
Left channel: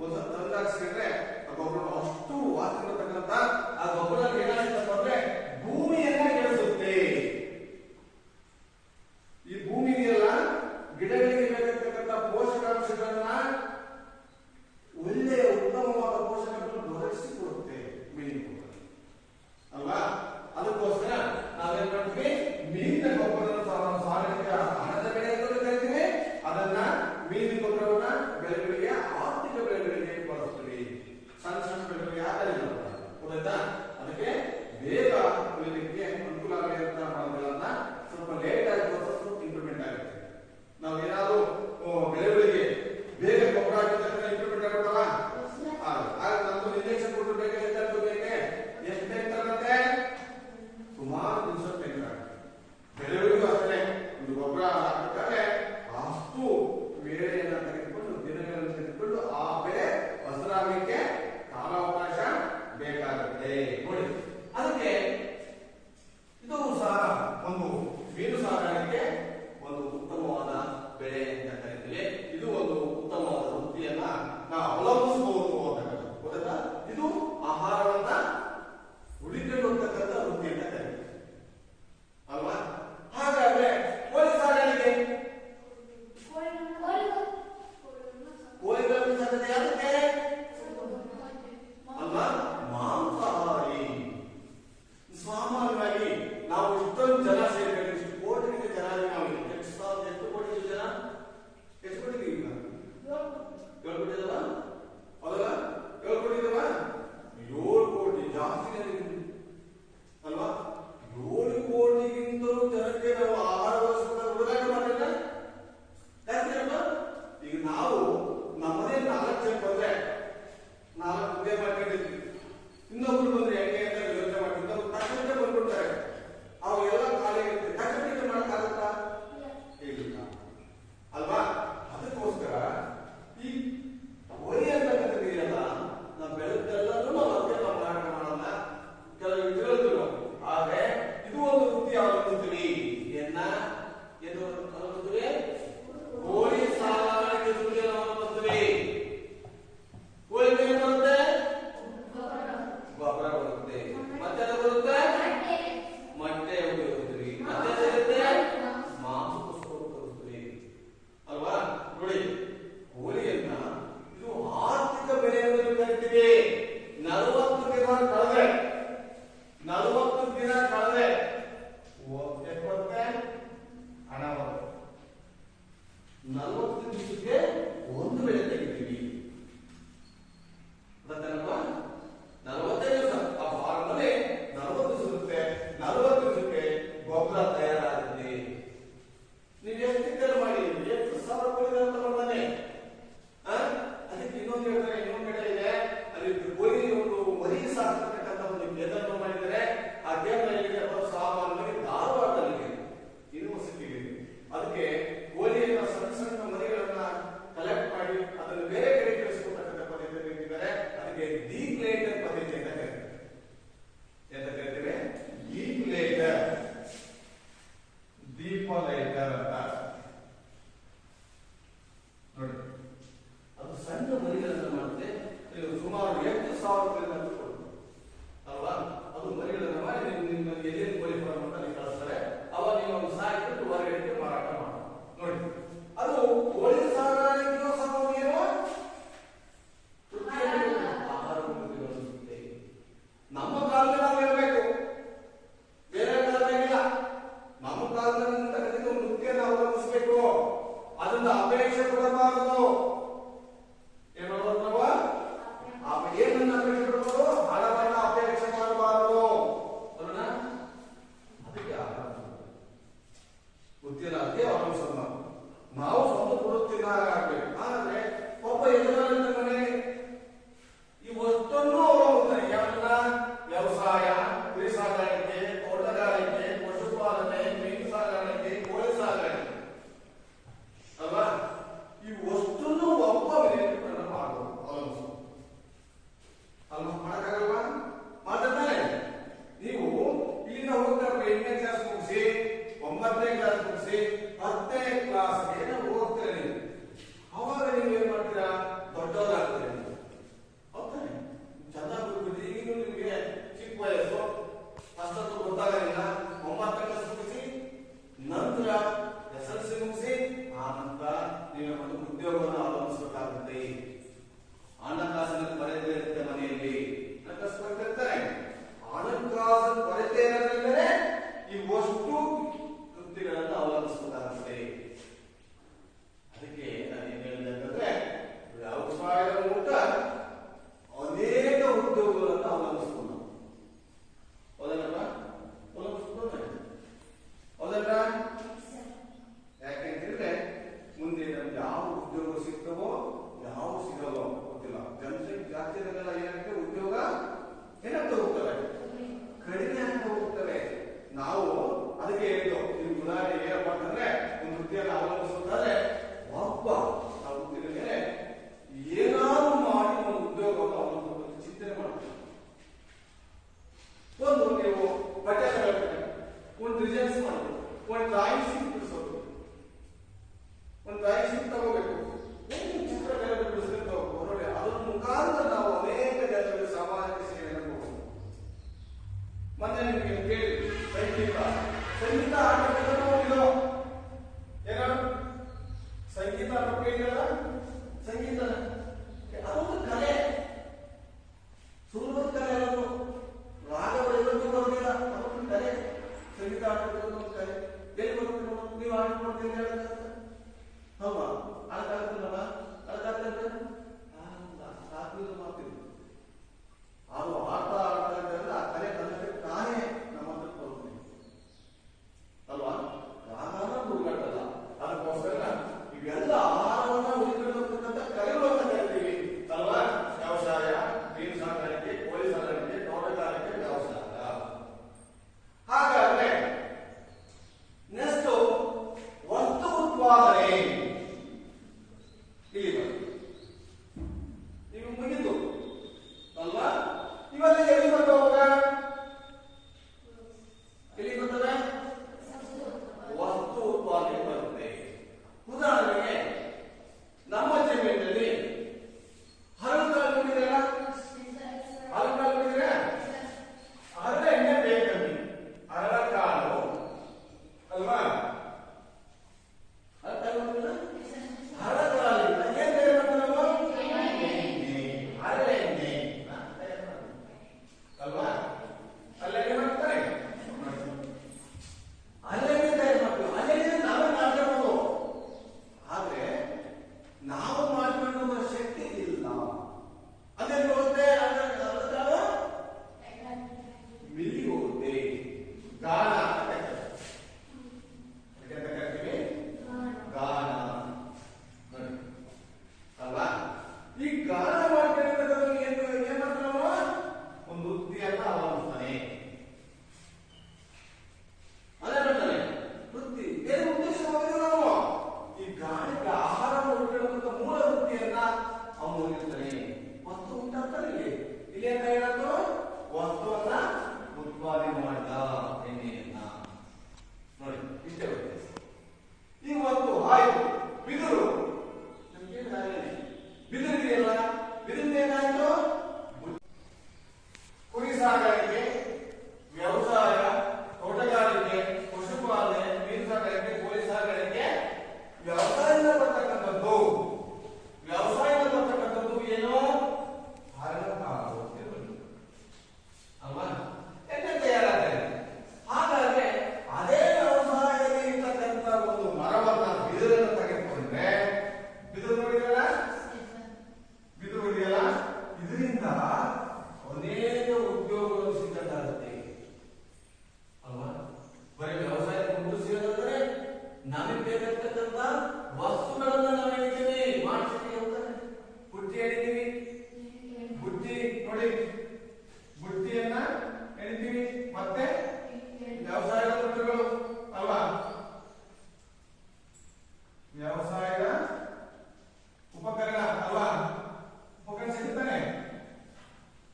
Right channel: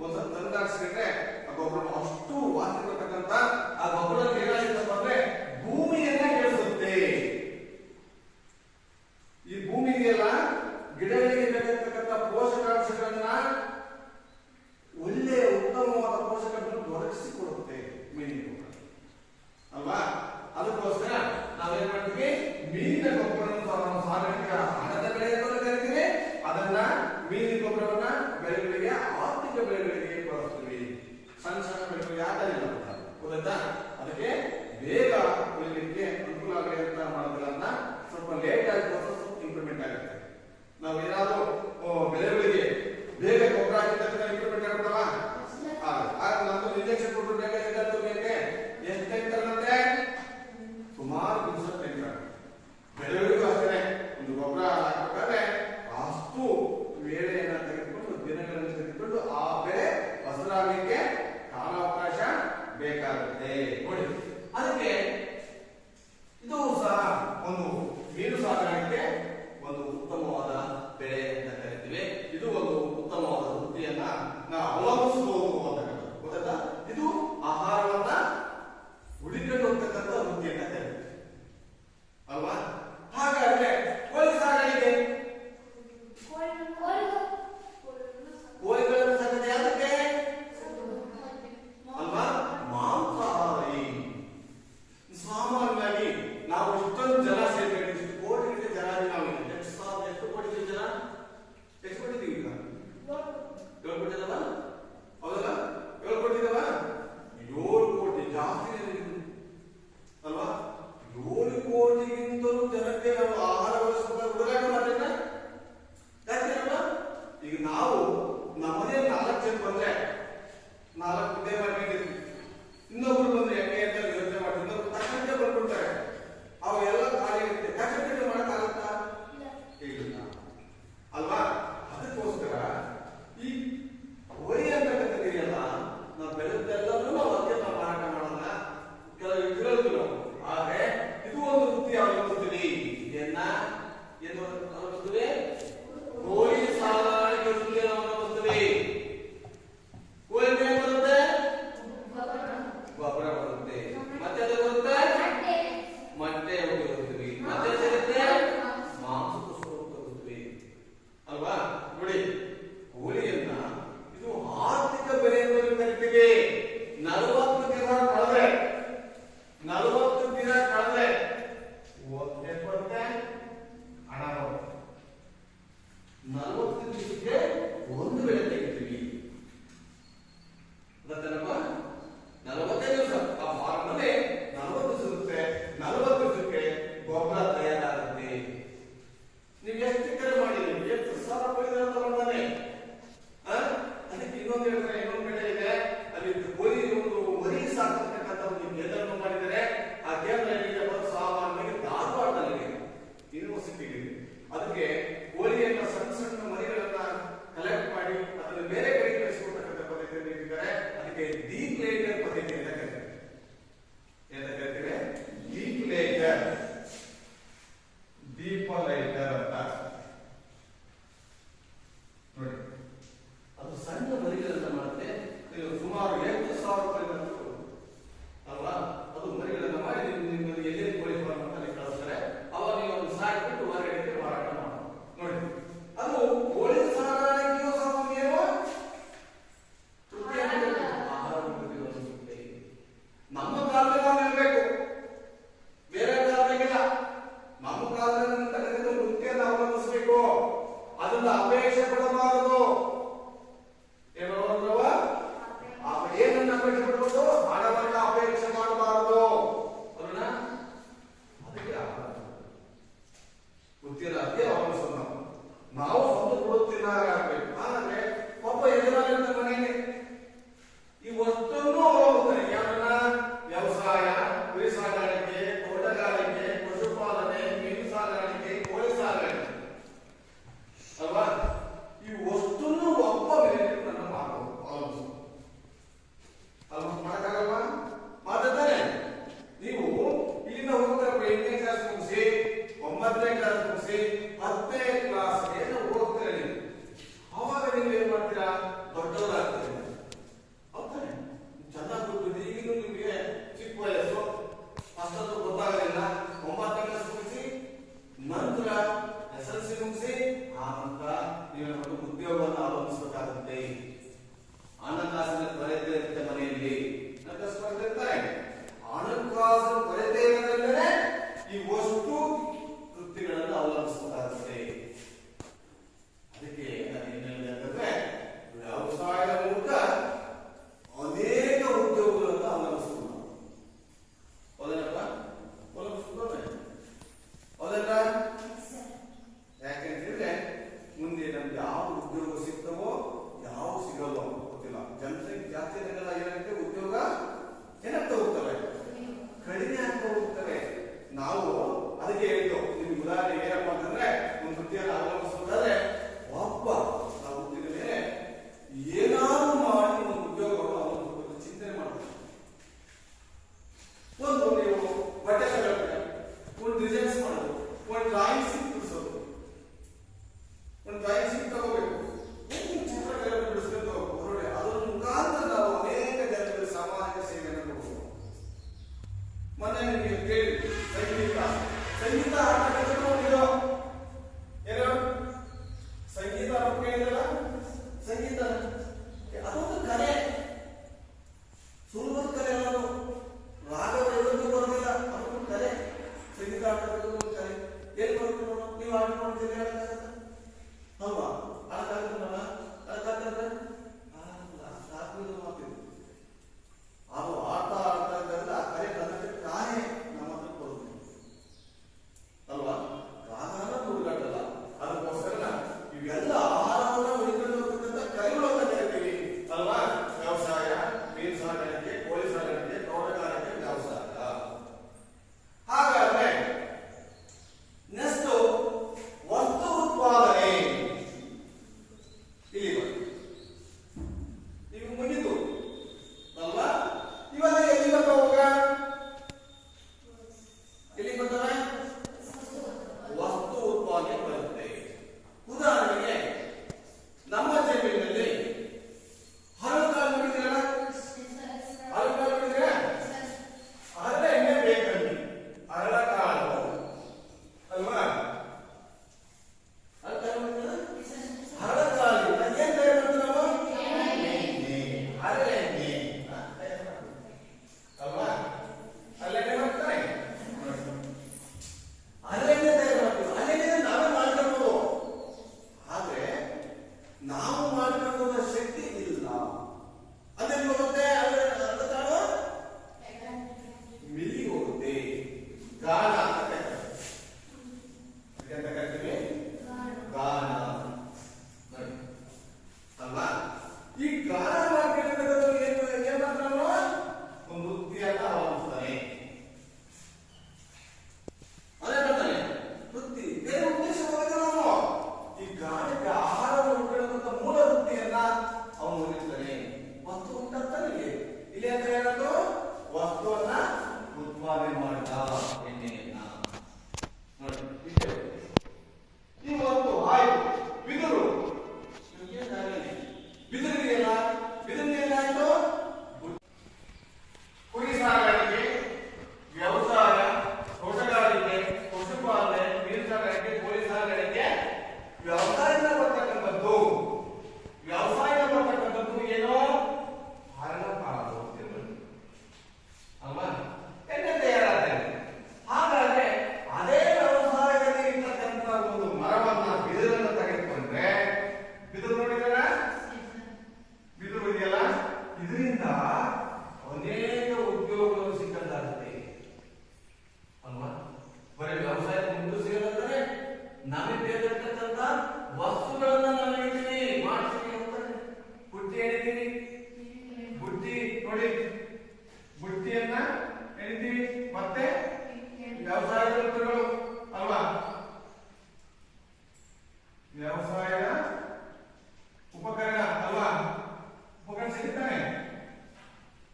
ಒಂದು ತಂದಾಡಿಸ್ಕೊಂಡ್ರೆ ಆ ಗೊಬ್ಬರ ಅಷ್ಟು ವಾಸನೆ ಬರ್ತಕ್ಕಂಥ ಆ ಗೊಬ್ಬರ ಏನಾಗಿತ್ತಪ್ಪ ಅಂದ್ರೆ ಭೂಮಿಯನ್ನ ಬೆಳೆಸುತ್ತೆ. ಈ ಭೂಮಿಗೆಲ್ಲ ಗಿಡಗಳಿಗೆ ಬೇಕಾಗಿರ್ತಕ್ಕಂಥ ಪೋಷಕಾಂಶಗಳನ್ನ ಒಳ್ಳೆಯ ಉತ್ತಮವಾದ ಪೋಷಕಗಳನ್ನು ಒದಗಿಸಿಕೊಡುತ್ತೆ ಮೀನಿನ ಗೊಬ್ಬರ ಅಲ್ವಾ? ಅದಕ್ಕೋಸ್ಕರ ನಾವೇನ್ ಮಾಡ್ತೀವಿ? ಮೀನಿನ ಗೊಬ್ಬರವನ್ನು ಸಾರ್ವಜನಿಕ ಹಣದ ಬೆಳೆ ಅಂತ ಕರಿತೀವಿ. ಅದನ್ನ ಮೀನಿನ ಗೊಬ್ಬರವನ್ನ ಬೆಳೆಗಳಿಗೆ, ಆರ್ಥಿಕ ಬೆಳೆಗಳಿಗೆ ಬಳಸ್ತೀವಿ. ಸಣ್ಣ ಸಣ್ಣ ಬೆಳೆಗಳಿಗೆ ಆಗಲಿಲ್ಲ, ಗೊತ್ತಾಯ್ತಾ? ಅದಕ್ಕೆ ಬೇಗ ಬೆಳೆಯಲಿಕ್ಕೆ ಅನುಕೂಲ ಆಗಲಿ ಅಂತ ಮಾಡೋದ್ಗಳನ್ನ ಸ್ವಲ್ಪ ಲೇಟ್ ಆಗಿ ಸ್ವಲ್ಪ ಇಂಪ್ರೂವ್ಮೆಂಟ್ ಆಗುತ್ತೆ. ನಾವು ಏನಾದ್ರು ಬೆಳೆಗಳಿಗೆ ಬೇಗ ಗೊಬ್ಬರ ಹಾಕಿದ ಇಂಪ್ರೂವ್ಮೆಂಟ್ ಆಗುತ್ತಲ್ಲ, ಆಗ ನಮ್ದು ಇಂಜೆಕ್ಷನ್ ಕೊಟ್ಟು ಬೇಗ ಬೇಕೆ ಎಷ್ಟು ಟೈಮ್ ತಗೊಳುತ್ತೆ? ಸುಮಾರು ದಿವಸ ಟೈಮ್ ತಗೊಳುತ್ತೆ. ಬೆಳೆಗಳಿಗೂ ಅಷ್ಟೇ ಒಂದು ಗೊಬ್ಬರ ಹಾಕಬೇಕಾದ್ರೆ ಅಷ್ಟು ವೇಳೆಯನ್ನ ತೆಗೆದುಕೊಂಡು, ದಿನಗಳನ್ನು ತೆಗೆದುಕೊಂಡು ಆ ಬೆಳೆ ಹಸಿರಾಗಲಿಕ್ಕೆ ಕಾಲಾವಕಾಶ ಬೇಕಾಗುತ್ತೆ. ನೋಡಿ, ಅದಕ್ಕೆ ಇದು ಸಹ ಒಂದು ಮೀನು ಸಾಕಾಣಿಕೆ ಒಂದು ಉತ್ತಮವಾದ ಬೆಳೆ ಅಂತ ಕರಿತೀವಿ. ಇದು ಒಂದು ಉತ್ತಮವಾದ ವೃತ್ತಿಯನ್ನ ನಾವು ಅವಲಂಬಿಸಬಹುದು ಅಂತ ಗೊತ್ತಾ? ಇದು ಆಹಾರವನ್ನ ಹುಡುಕಿಕೊಂಡು ಹೋಗ್ತಕ್ಕಂಥ ವೃತ್ತಿ ಅಂತ ಕರಿತೀವಿ ಅಲ್ವಾ? ಹಾಗಾದ್ರೆ ಕೋಳಿ ಸಾಗಾಣಿಕೆ, ಕೋಳಿಗಳನ್ನು ಸಾಕತೆ ಯಾಕೆ ಅಲ್ವಾ? ಮಾಂಸಾಹಾರಿ. ಸಾಮಾನ್ಯವಾಗಿ ನಾವು ಇಷ್ಟೊಂದು ಜನ ಸೇರ್ಕೊಂಡು ಇಷ್ಟು ಕೋಟಿ ಜನ ನಾವು ಎಷ್ಟು ಕೋಟಿ ಜನ ಎಷ್ಟು ಕೊಟ್ಟಿದ್ದೀವಿ? 7 ಕೋಟಿ ಜನ ಹೌದಲ್ಲ? 7 ಕೋಟಿ ಇದಾವ? 7 ಕೋಟಿ ಜಾಸ್ತಿ ಅಲ್ವಾ? 7 ಕೋಟಿಗಿಂತಲೂ ಜನಕ್ಕೆ ನಾವು ಆಹಾರ ವ್ಯವಸ್ಥೆ ಹುಡುಗಾಟ ಮಾಡಿಲ್ಲ. ಯಾಕೆಂದ್ರೆ ಈಗ ನಾವು ನಮ್ಮದೇ 4 ಜನ ಬಂದ್ರೆ 4 ಹುದ್ದೆ ಮಾಡ್ಕೊಂಡಿರ್ತೀವಿ. ಇನ್ನೊಬ್ರು ಬಂದ್ರೆ ಹೆಂಗೆ ಅಂತ ಯೋಚನೆ ಮಾಡಿ ಇನ್ನೊಬ್ರು ತಕ್ಷಣ ಬಂದ್ಬಿಡ್ತಾರೆ. ಅವು ಎಲ್ಲ ಖಾಲಿ ಆಗುತ್ತೆ. ತಕ್ಷಣ ಮಾಡಕ್ಕಾಗುತ್ತಾ? ಇಲ್ಲ ಅಲ್ವಾ? ಅದಕ್ಕೋಸ್ಕರ ಈ ಕೋಳಿ ಅಂತಕ್ಕಂಥದ್ದಿದೆಯಲ್ಲ, ನಾವು ಬೆಳೆದೆಲ್ಲರೂ ನಾವು ಅದಕ್ಕೆ ಮಾರಾಟ ಮಾಡೋಣ. ಕೆಲವು ತಿಳಿದಿಲ್ಲ. ಹಾಗೆ ಇದು ಒಂದು ವೃತ್ತಿ ಅವಲಂಬಿಸ್ತೀವಿ. ಏನು ಅವಲಂಬಿಸ್ತೀವಿ? ಕೋಳಿ ಸಾಗಾಣಿಕೆ ವೃತ್ತಿಯನ್ನು ಅವಲಂಬಿಸ್ತೀವಿ. ಕೋಳಿ ಏನ್ ಬರುತ್ತೆ? ಗೊಬ್ಬರ ಬರ್ತೇನಪ್ಪ 45 ದಿವಸ. ಆ ಫಾರ್ಮ್ ಅಲ್ಲಿ 40 ಸಿಗುತ್ತೆ. 40 ದಿವಸಕ್ಕೆ ಗೊಬ್ಬರ ತಯಾರಾಗುತ್ತೆ. ನೀವು ಎಷ್ಟು ಕೇರ್ ಮಾಡಿ ಎಷ್ಟು ಸಾವಿರ ರೂಪಾಯಿ ತಗೊಂಡಾನೆ. ಅದಕ್ಕೆ ಇನ್ನೊಂದು ಹೇಳ್ತಾರೆ, ಇನ್ನೊಂದು ಕಡೆ ಇದೆ, ಅದಕ್ಕೆ ಕೋಳಿ ಒಂದು ಮರಿ ಸಾಕಿರ್ತಕ್ಕಂಥ ಒಂದು ಕೇಂದ್ರವನ್ನು ಮಾಡಿದರೆ ಆ ಕೇಂದ್ರದಲ್ಲಿ ಸಾಮಾನ್ಯವಾಗಿ ಧಾರವಾಡದಲ್ಲಿ ಯೂನಿವರ್ಸಿಟಿಗೆ ಅದಕ್ಕೆ ಕೋಳಿಯನ್ನ ಸಣ್ಣ ಸಣ್ಣ ಮರಿಗಳನ್ನ ಕಲೆಕ್ಟ್ ಮಾಡಿ ಅದನ್ನು ಬೇರೆ ಕಡೆ ಕಳಿಸಿಕೊಡ್ತಕ್ಕಂಥ ಪದ್ಧತಿಯನ್ನು ಇಟ್ಟಿದ್ದಾರೆ. ಅದಕ್ಕೆ ಡೀಪ್ ಲೇಯರ್ ಪದ್ಧತಿ ಅಂತ ಕರೀತಾರೆ. ಎಂತ ಕರೀತೀವಿ? ಡೀಪ್ ಲೇಯರ್, ದೀಪ ಲೇಯರ್ ಅಂತ ನೋಡಿ. ಅದು ಸಣ್ಣ ಮರಿಗಳನ್ನ ಮಾಡುತ್ತೆ. ನೀವು ಸುಮಾರು 8,000 ರೂಪಾಯಿ ಅಲ್ವಾ? ಅದು ಮರಿಗಳನ್ನ ಮಾಡಿ ನಿಮ್ಮಲ್ಲಿ ಎಲ್ಲಿ ಕೋಳಿ ಫಾರ್ಮ್ ಅಂತ ಅಲ್ಲಿ ಕಳಿಸ್ತಾರೆ. ಅವಾಗ ನೀವು ಒಂದು ಸಾಕಿಬಿಟ್ಟು ಹೊರಗಡೆ ಮಾರಾಟ ಮಾಡಿ ನೋಡಿ. ಅದು ಕೋಳಿ ಸಾಗಾಣಿಕೆಯೋ ಸಾಮಾನ್ಯನೋ ಆಹಾರ ನಮ್ಮ ಕಾಲದಲ್ಲಿ ನಾವು ಇರಬೇಕು, ಬೇರೆ ಕಾಲದಿಲ್ಲ. ನಮ್ಮ ಕಾಲದಲ್ಲಿ ಮುಖ್ಯನ ಅವಲಂಬಿಸಬೇಕು. ಅದನ್ನ ಅಪೇಕ್ಷೆ ಪಡಬಾರದು. ಏನ್ ಮಾಡಬಾರ್ದು? ಏನನ್ನ ಅಪೇಕ್ಷೆ ಪಡಬಹುದು? ಹಣವನ್ನ ಅಪೇಕ್ಷೆ ಮಾಡಬಾರದು. ಅದಕ್ಕೆ ಗೊತ್ತಿಲ್ಲ, ಅದಕ್ಕೆ ಅವಲಂಬಿಸೋದು ನಾವು ಸ್ವಂತ ಕೊಡುತ್ತಿದ್ದಾಗಬೇಕು. ಆದ್ರೆ ಒಬ್ಬ ಯಜಮಾನ ಮನೆಯಲ್ಲಿ ಈ ವಸ್ತುವನ್ನು ಅವಲಂಬಿಸ್ತಾರೆ. ಯಾರನ್ನ? ವ್ಯವಸಾಯ, ಇದರಿಂದ ಅನೇಕ ಉದ್ಯೋಗಗಳು ಸಿಕ್ಕಂತಾಗುತ್ತೆ ಅಲ್ವಾ? ಬರೀ ವ್ಯವಸಾಯಕ್ಕೆ ಮುಂದೆ ಸಿಗೋದಂದ್ರೆ ನಮಗೆ ಬೇಕಾಗಿರ್ತಕ್ಕಂಥ ವಸ್ತುಗಳನ್ನ ನಾವು ಹೇಳ್ತೀವಿ ಮಾಡ್ತೀವಿ ಹೋಗ್ತಾರೆ. ಬುಟ್ಟಿ ಹೇಳಿದ್ದೀವಿ, ಬುಟ್ಟಿ ನೋಡಿ, ಬುಟ್ಟಿಯನ್ನ ಹೇಳಿದ್ದೀವಿ. ಮತ್ತೆ ವ್ಯವಸಾಯ ವಸ್ತುಗಳು ಅಲ್ವಾ? ವ್ಯವಸಾಯ ಉಪಕರಣ ಅಲ್ವಾ? ಉಪಕರಣ ಸಿಗುತ್ತಾನೆ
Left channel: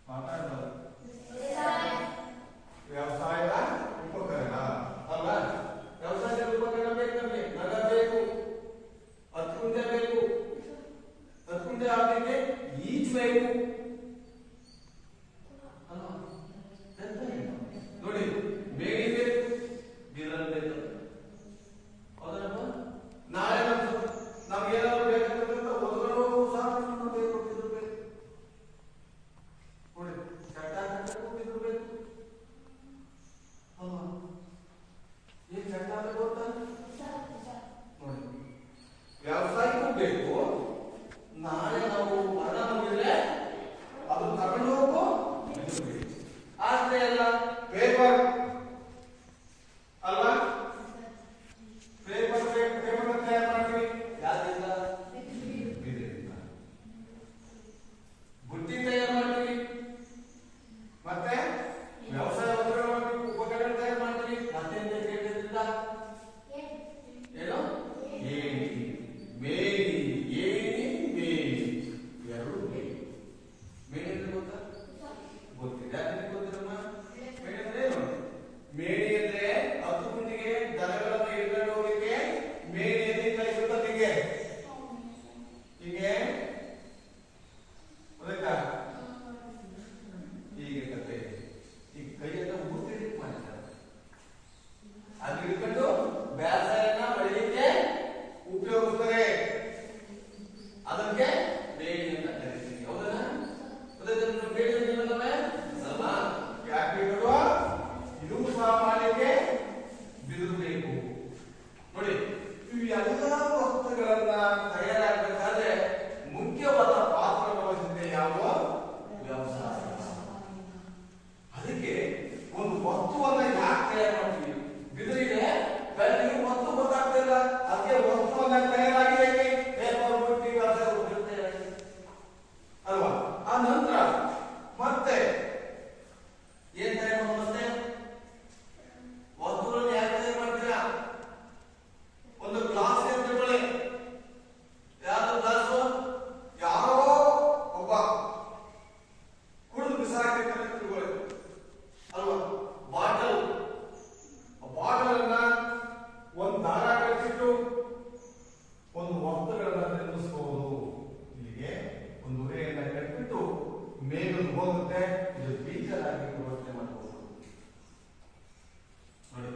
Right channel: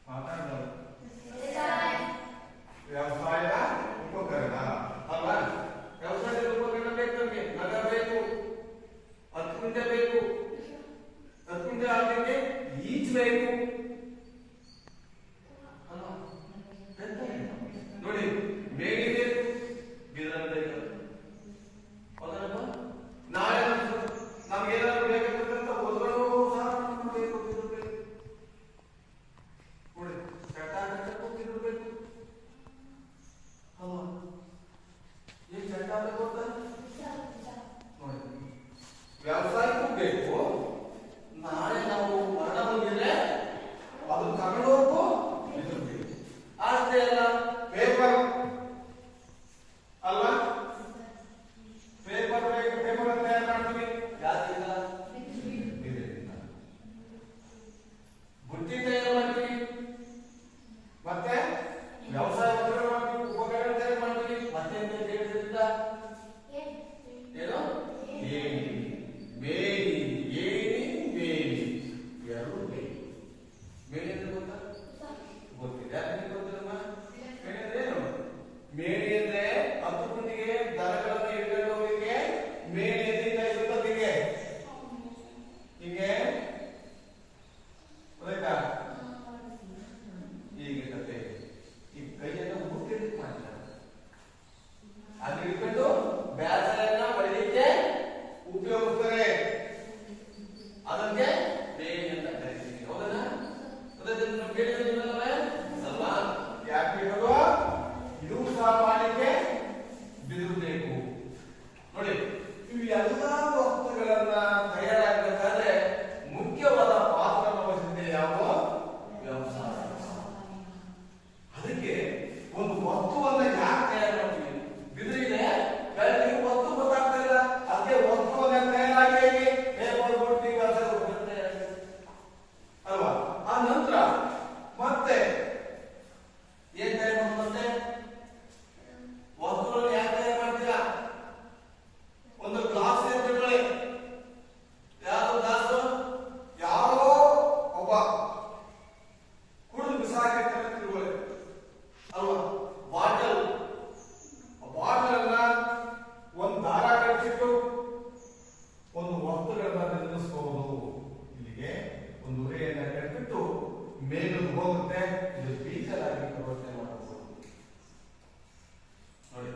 ಮಾತಾಡೋದು. ವ್ಯವಸಾಯ ಉಪಕರಣ ಅಲ್ವಾ? ವ್ಯವಸಾಯದ ಉಪಕರಣ ಬೇಕು ನಮಗೆ. ನಗ ಬೇಕು, 10 ಕುಂಟೆ ಬೇಕು, 10 ಕುಂಟೆ ಆಗಲಿಕ್ಕೆ ಈಜ್ ಬೇಕು ಅಲ್ವಾ? ನೋಡಿ, ಬೇಡಿ ಬೇಕು, ಬಿದಿರನ್ನು ಬೇಕು. ಹೌದಲ್ಲಪ್ಪ? ನಾಳೆ ನಮ್ಗೇನಾದ್ರು ಬೇಕಾಗಿರ್ತಕ್ಕಂಥ ವಸ್ತುಗಳು ಸಹ ನಮ್ಗೆ ಬೇಕು, ಬಿದಿರು ಬೇಕು. ನೋಡಿ, ಚಟ ಹಾಕಕ್ಕೂ ಬಿದಿರು ಬೇಕು ಅಲ್ವಾ? ಏನ್ ಚಟ ಬೇಕು ಗೊತ್ತಾ? ನೋಡಿ, ವ್ಯವಸಾಯಕ್ಕೂ ಬೇಕು. ನಾಳೆ ನಾವು ಮರಣ ಹೊಂದಿದ್ರೆ ಅದು ತಗೊಂಡು ಹೋಗು ಬಿದಿರು ಬೇಕು. ಅಷ್ಟೇ ಅಲ್ಲ, ಪೇಪರ್ ಅಲ್ವಾ? ಪೇಪರ್ ತಯಾರು ಮಾಡ್ತೀವಿ ಯಾವ್ದಿಲ್ಲ? ಬಿದಿರಿಂದ. ಬುಟ್ಟಿ ತಯಾರು ಮಾಡ್ತೀವಿ, ಮತ್ತೆ ವ್ಯವಸಾಯ ಉಪಕರಣ ತಯಾರು ಮಾಡ್ತೀವಿ. ಮತ್ತೆ ಏನು? ಏಣಿ, ಮೇಣಿ, ಏಣಿ, ಮೇಣಿ, ಎರಡು ಮೇಣಿ. ಮೇಣಿ ಅಂದ್ರೆ ಗೊತ್ತಾ? ಗೊತ್ತಿದೆ. ಯಾಕೆ ಗೊತ್ತಮ್ಮ? ಮೇಣಿ ಅಂದ್ರೆ ಏನು? ಮೇಣಿ ಅಂದ್ರೆ 10 ಕುಂಟಿಗೆ ದನಗಳನ್ನು ಹಿಡ್ಕೊಂಡು ಹೋಗಲಿಕ್ಕೆ ಮೇಣಿ ಎಲ್ಲಿ ಕೈ ಸುತ್ತದಿಗೆ ಹೀಗೆ ಗೊತ್ತಾಯ್ತಾ? ಈಗ ಕತೆ ಈ ಕೈಯನ್ನು ಮುಟ್ಟಿಟ್ಟು ಮಾಡ್ತಾರೆ. ಅದು ಹಿಡ್ಕೊಂಡು ಬ್ಯಾಸರನ್ನ ಹೊಡಿಲಿಕ್ಕೆ ಉಪಯೋಗಿಸ್ತಾರೆ. ಅದಕ್ಕೆ ಬೇಣಿ ಅಂತ ಕರಿತೀವಿ. ಹೌದಾ? ಅದನ್ನು ಬೇಡಿದಲ್ಲವೇ ಅಲ್ವಾ? ಯಾಕೆ ಬೇಕು? ಇದು ಸಹ ಮಾಡಲಿಕ್ಕೆ ಬಿದಿರು ಬೇಕು. ನೋಡಿ, ಇವು ಎಲ್ಲ ವಸ್ತುಗಳನ್ನ ತಯಾರಾಗಬೇಕಾದ್ರೆ ಮುಖ್ಯವಾದ ಪಾತ್ರವನ್ನು ವಹಿಸುತ್ತೆ ಯಾವುದು? ವ್ಯವಸಾಯ. ಅದಕ್ಕೆ ಒಂದು ವಸ್ತುವನ್ನ ಯಾಕೆ ತಯಾರು ಮಾಡ್ತೀವಿ? ಬಿದಿರಿಗೆ ಬೆಳಗ್ಗೆ ವಸ್ತು ಗೊತ್ತಾಗ್ತಿಲ್ಲ, ಅದಕ್ಕೆ ವಸ್ತುವನ್ನ ತಯಾರಾಗಿ ಪೇಪರ್ ಬುಟ್ಟಿ ವ್ಯವಸಾಯ ಅಲ್ವಾ? ಆ ನಂತರ ಮತ್ತೆ ಏನ್ ತಯಾರು ಮಾಡೋದು? ಮತ್ತೆ ವಸ್ತುಗಳನ್ನು ಯಾಕೆ ತಯಾರು ಮಾಡ್ತೀರಾ? ಒಂದು ಗ್ಲಾಸ್ ತೆಗೆದುಕೊಳ್ಳಿ. ಯಾವ ಗ್ಲಾಸು? ಯಾರೋ ಒಬ್ಬ ಕುಡಿದು ಬಿಸಾಕಿರ್ತಾನೆ ತಿಳ್ಕೊಳ್ಳಿ ಅಲ್ವಾ? ಬಾಟಲ್, ಬಾಟಲ್ ಅನ್ನ ಒಂದು ದಾರ ಕಟ್ಟಿಟ್ಟು ಒಂದು ವಸ್ತುಗಳನ್ನ ನಿಲ್ಲಿಸಬಹುದು. ಇಲ್ಲಿಗೆ ಒಂದು ಉರೆಯನ್ನ ಕಟ್ಟಿಬಿಟ್ಟು ಮೇಲಕ್ಕೆ ಹೋಗುತ್ತೆ. ಇದು ಬೀಜಲಾಗಿ ವ್ಯವಸ್ಥೆ ಮಾಡಬಹುದು. ನೋಡಿ,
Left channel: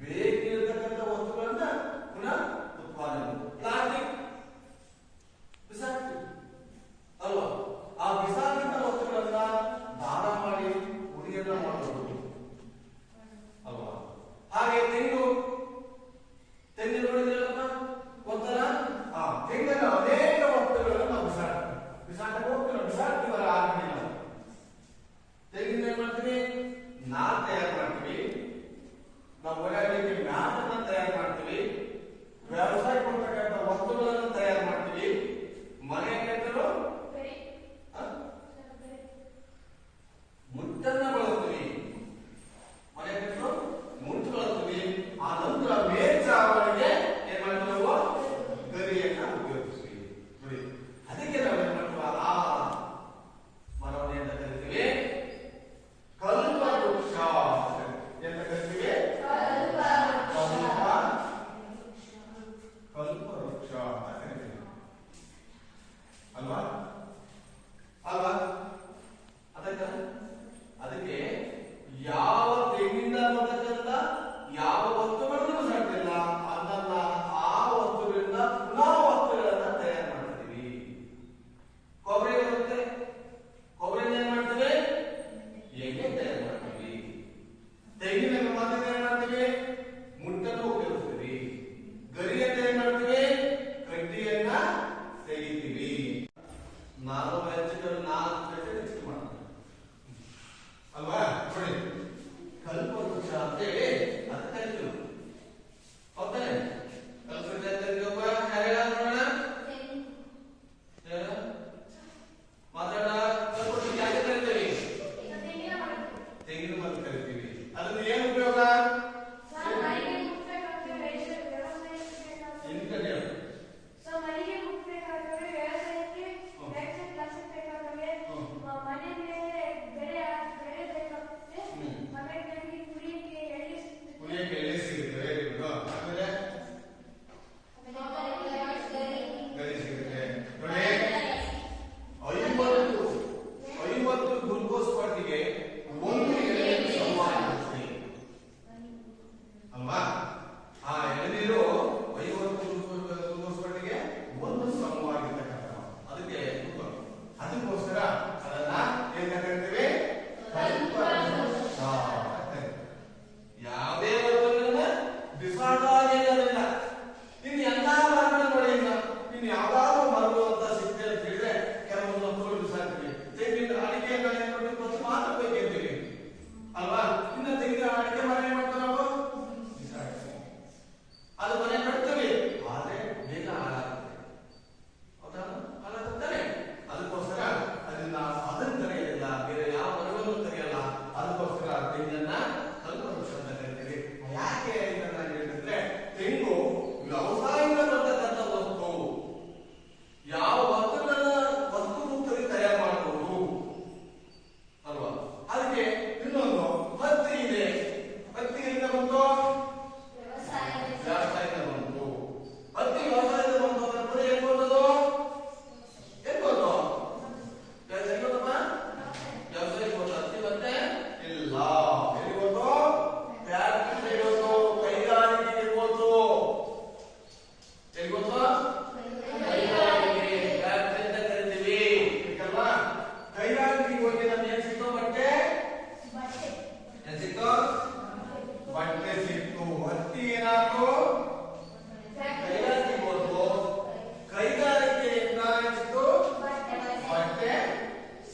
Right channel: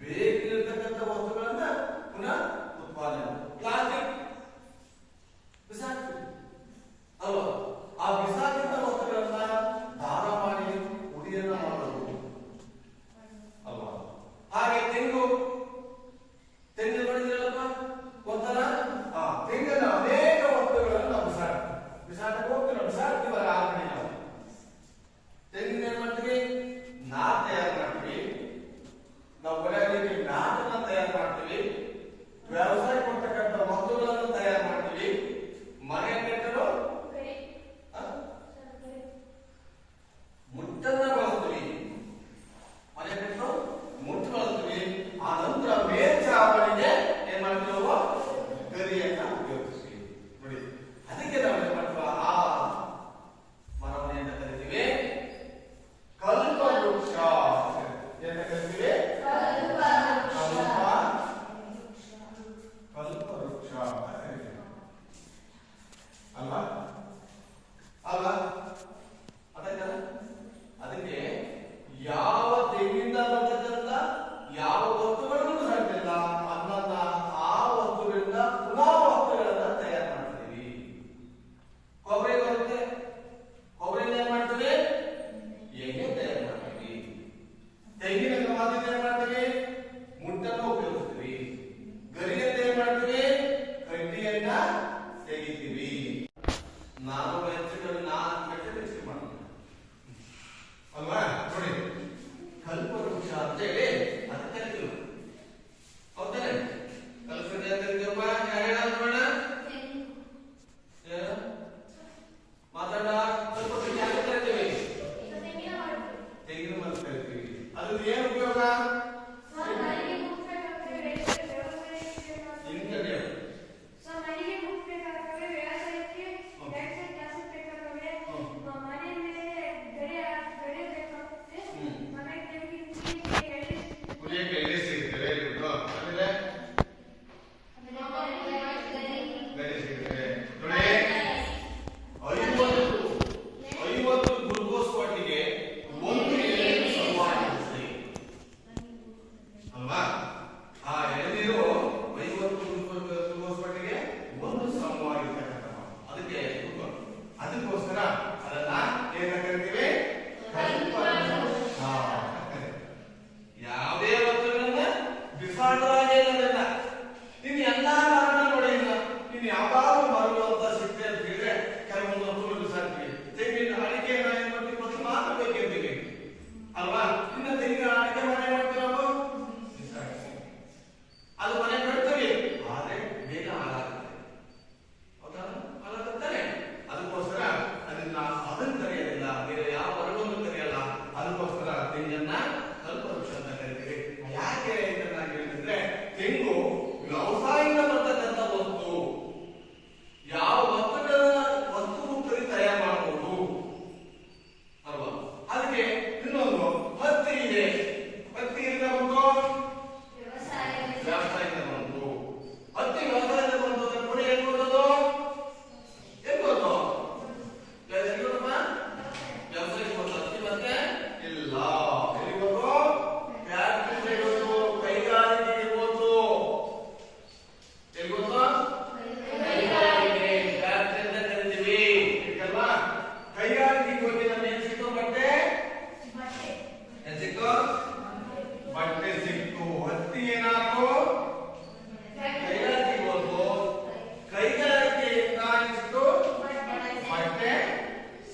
ಬೇಕಿರತಕ್ಕಂಥ ವಸ್ತುಗಳನ್ನ ಪುನಃ ಉತ್ಪಾದನೆ. ಪ್ಲಾಸ್ಟಿಕ್ ಬಿಸಾಕ್ತೀವಿ ಅಲ್ವಾ? ಆ ಬಿಸಾಕಿದ ವಸ್ತುಗಳನ್ನ ದಾನ ಮಾಡಿ ಉರಿಯನ್ನ ಮಾಡಬಹುದು ಅಲ್ವಾ? ಹಾಗೆ ತೆಂಗು ನೋಡಿದ್ರಲ್ಲಪ್ಪ, ಗೊತ್ತಲ್ಲ? ಆ ತೆಂಗನ್ನ ಅನೇಕ ವಸ್ತುಗಳನ್ನು ನಾವು ಬಿಸಾಟಕ್ಕೆ ಹೋಗ್ತೀವಿ. ಬಿಸಾಕ್ತೀವಲ್ಲ ಆ ಕಡೆ ನಾವು ತೆಂಗಿನ ಏನ್ ಮಾಡ್ತೀವಿ? ನಾರು ತಯಾರು ಮಾಡ್ತೀವಿ. ನಾವು ಒಳಗೆ ನಾಟನ್ನ ತಯಾರು ಮಾಡ್ತೀವಿ. ವ್ಯವಸಾಯ ಕೊಡ್ತಕ್ಕಂಥ ವಸ್ತುಗಳನ್ನು ತಯಾರು ಮಾಡ್ತೀವಿ. ಮನೆ ಕಟ್ಟಲು ಮುಟ್ಟನ್ನ ಬಳಸ್ತೀವಿ. ಮನೆ ಕಟ್ಟಲು ಮುಟ್ಟು ಬಳಸ್ತೀವಿ. ಆ ನಂತರ ಮೇಲ್ಚಾವಣಿಗೆ ಏನ್ ಮಾಡ್ತೀವಿ? ನಾವು ಗರಿಯನ್ನ ಉಪಯೋಗಿಸ್ತೀವಿ. ನೋಡಿ, ಅದಕ್ಕೆ ನಾವು ಏನ್ ಮಾಡ್ತೀವಿ? ಆ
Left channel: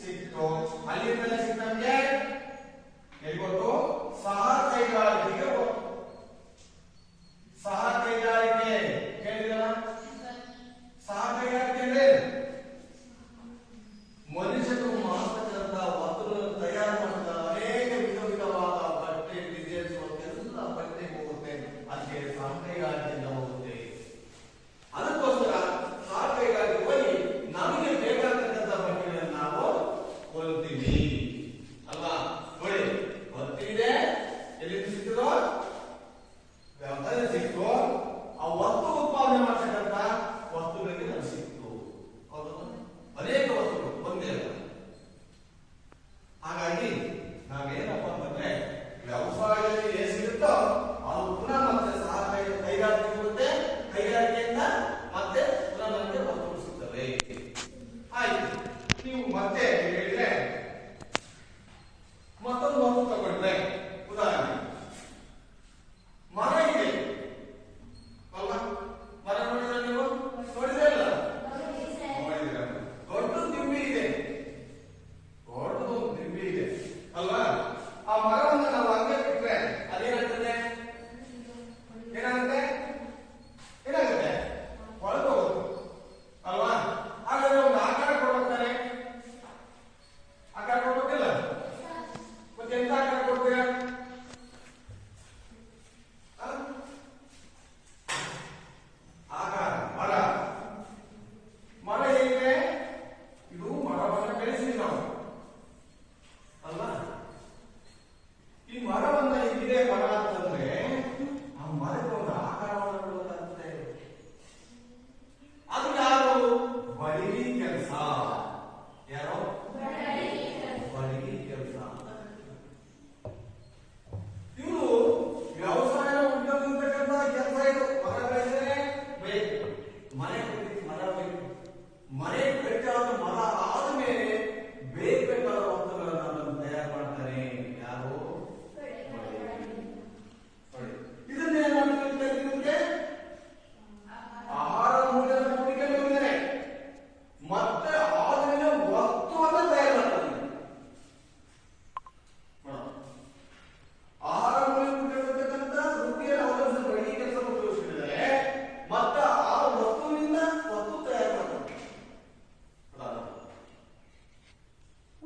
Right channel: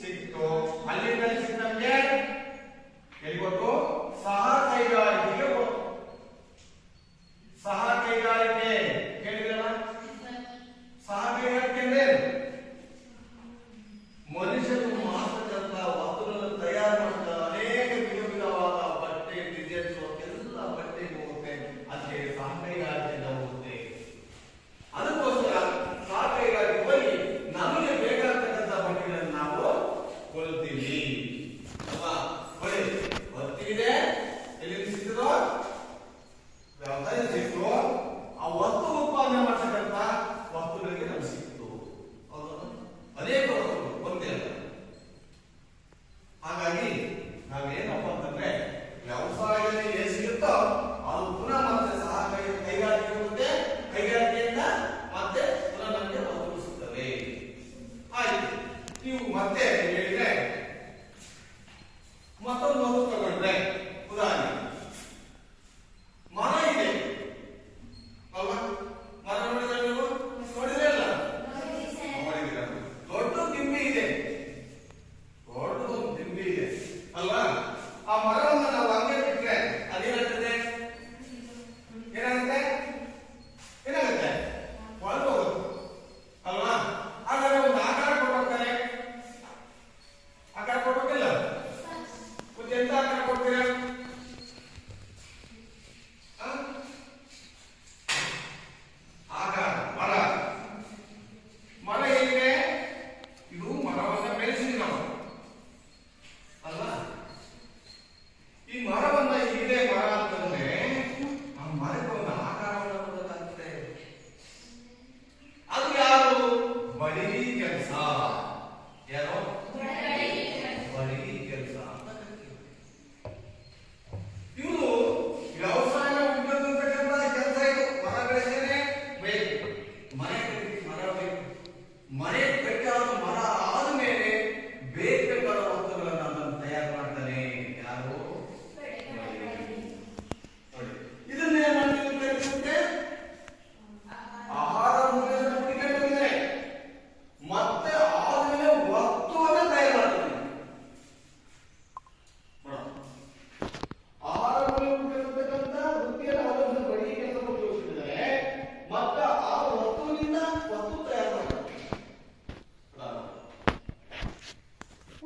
ಸಿಕ್ತು. ಅಲ್ಲಿಂದ ಸಿಕ್ತ ನಮ್ಗೆ ಎಲ್ಲಿ ಗೊತ್ತು? ಸಹ ಕೈಗಾರಿಕೆಗೆ ಗೊತ್ತು. ಸಹ ಕೈಗಾರಿಕೆ ಕೇಳಿದಲ್ಲ? ಸಹ ಕೈಗಾರಿಕೆ ಅಂದ್ರೆ ಮನುಷ್ಯರು ಮಾತ್ರದಂತ ವಸ್ತುಗಳನ್ನು ತಯಾರು ಮಾಡಿದ ಅನೇಕ ವಿಧವಾದ ಬಟ್ಟೆ ಡಿಸೈನ್ಸ್ ಎಲ್ಲ ಬಟ್ಟೆಗೆ ಹೋಗುತ್ತೆ. ಅದಕ್ಕೆ ಸಹ ಕೈಗಾರಿಕೆಯಿಂದ ಹೋಗುತ್ತೆ. ಅದಕ್ಕೋಸ್ಕರ ಸಹ ಕೈಗಾರಿಕೆ ಹೋಗಿ ನಮಗೆ ಬೇಕಾಗಿರ್ತಕ್ಕಂಥ ಬಟ್ಟೆಗಳನ್ನು ನಾವು ಕೊಳ್ತೀವಿ ಅಲ್ವಾ? ನೋಡಿ, ಹೊತ್ತಿದೆ ಎಲ್ಲಿ ಸಿಕ್ತದೋ ವ್ಯವಸಾಯ ಸಿಕ್ತು, ಆ ವಸ್ತು ಉತ್ಪಾದನೆ ಮಾಡ್ತಕ್ಕಂಥ ವಸ್ತುಗಳಿಗೆ ನಮ್ಗೆ ಸಿಕ್ತು. ಅನೇಕ ವಸ್ತುಗಳು ಒಂದೇ ಅಲ್ಲ. ಹಾಗಾಗಿ ನಾವೇನಪ್ಪ ಅಂತಂದ್ರೆ ವ್ಯವಸಾಯದಲ್ಲಿ ಏನ್ ಸಿಗುತ್ತೋ ಅದು ಪುನಃ ಮತ್ತೆ ಸಹ ಕೈಗಾರಿಕೆ ಹೋಗುತ್ತೆ. ಕೈಗಾರಿಕೆಯಿಂದ ಮತ್ತೆ ಪುನಃ ನಮಗೆ ವಸ್ತುಗಳು ಸಿಗ್ತವೆ. ಆಯ್ತು, ನೀವು ಮತ್ತೆ ಹೇಳಿದ್ರೆ ಮತ್ತೊಂದು ವಸ್ತು ತಗೊಂಡ್ರೆ, ಉದಾಹರಣೆ ಮರ ಇದೆ ಅಲ್ವಾ? ಮರ ನೋಡಿದ್ರೆ ನೀವು ನೋಡಿದ್ರೆ ಅಲ್ಲ, ದೊಡ್ಡ ದಿಂಬಿ ಇದೆ, ದೊಡ್ಡದೊಂದು ದಿಂಬಿ ಇದೆ ಅಲ್ವಾ? ಆ ಮರವನ್ನು ನಾವು ಹಂಗೆ ಬಿಟ್ರೆ ಅದೇನಾಗುತ್ತೆ? ಏನಾಗುತ್ತೆ? ಏನಾಗುತ್ತೆ? ಹೊಳೆದು ಹೋಗುತ್ತೆ ಅಲ್ವಾ? ಹಾಗಾದ್ರೆ ಒಂದು ಆಕಾರ ಕೊಡ್ಬೇಕಾರೆ ಆಕಾರ ಕೊಡ್ಬೇಕಿಲ್ಲ? ಮತ್ತೆ ಎಂತ ಆಕಾರ ಕೊಡ್ತೀರಾ? ಆಕಾರ ಮರ ಮರ ಹೇಗೆ? ಇದು ಮರವನ್ನ ಬೆಳೆಸಿದ್ವಿ ನಾವು ಅಲ್ವಾ? ಈ ಮರವನ್ನ ಇದೇ ಮರ ಅಂತಂದ್ರೆ ಆ ಮರಕ್ಕೆ ಒಂದು ಆಕಾರವನ್ನು ಕೊಡಬೇಕಾಗುತ್ತೆ. ಅದು ಯಾರು? ಬಡಗಿ ಕೆಲಸ. ಯಾರು? ಬಡಗಿ ಕೆಲಸ. ಇವರು ವ್ಯವಸಾಯ ಉಪಯೋಗಿಸತಕ್ಕಂಥ ಕೆಲಸ ಇದು. ಮರ ಬೆಳೆಸನೆ ಬೇಕು, ಮನೆ ಮರ ಬೇಕು. ಮನೆ ಬೇಕಾದ ಮರ ಆದ್ಮೇಲೆ ಬೇಕಾದ ವಸ್ತುಗಳನ್ನು ಅದನ್ನು ತಯಾರು ಮಾಡ್ತಾನೆ. ಯಾರು? ಇದನ್ನೇ ಮಾಡಿರುತ್ತೆ ಆಹಾರ ಮೂಲದ ಹುಡುಕಿದ್ದಾರೆ. ಮತ್ತೆ ಆದ್ಮೇಲೆ ವಸ್ತುವನ್ನು ತಯಾರು ಮಾಡ್ತಾನೆ. ಆಹಾರ ಮೂಲಕ ವೃತ್ತಿಯನ್ನು ಅವಲಂಬಿಸಿದ ಬಡಗಿ ಕೆಲಸ ಉಪಯೋಗಿಸಿದ್ದಾರೆ. ಮತ್ತೆ ಆ ವಸ್ತುವಿನಿಂದ ವಸ್ತು ತಯಾರು ಮಾಡ್ತಾರೆ.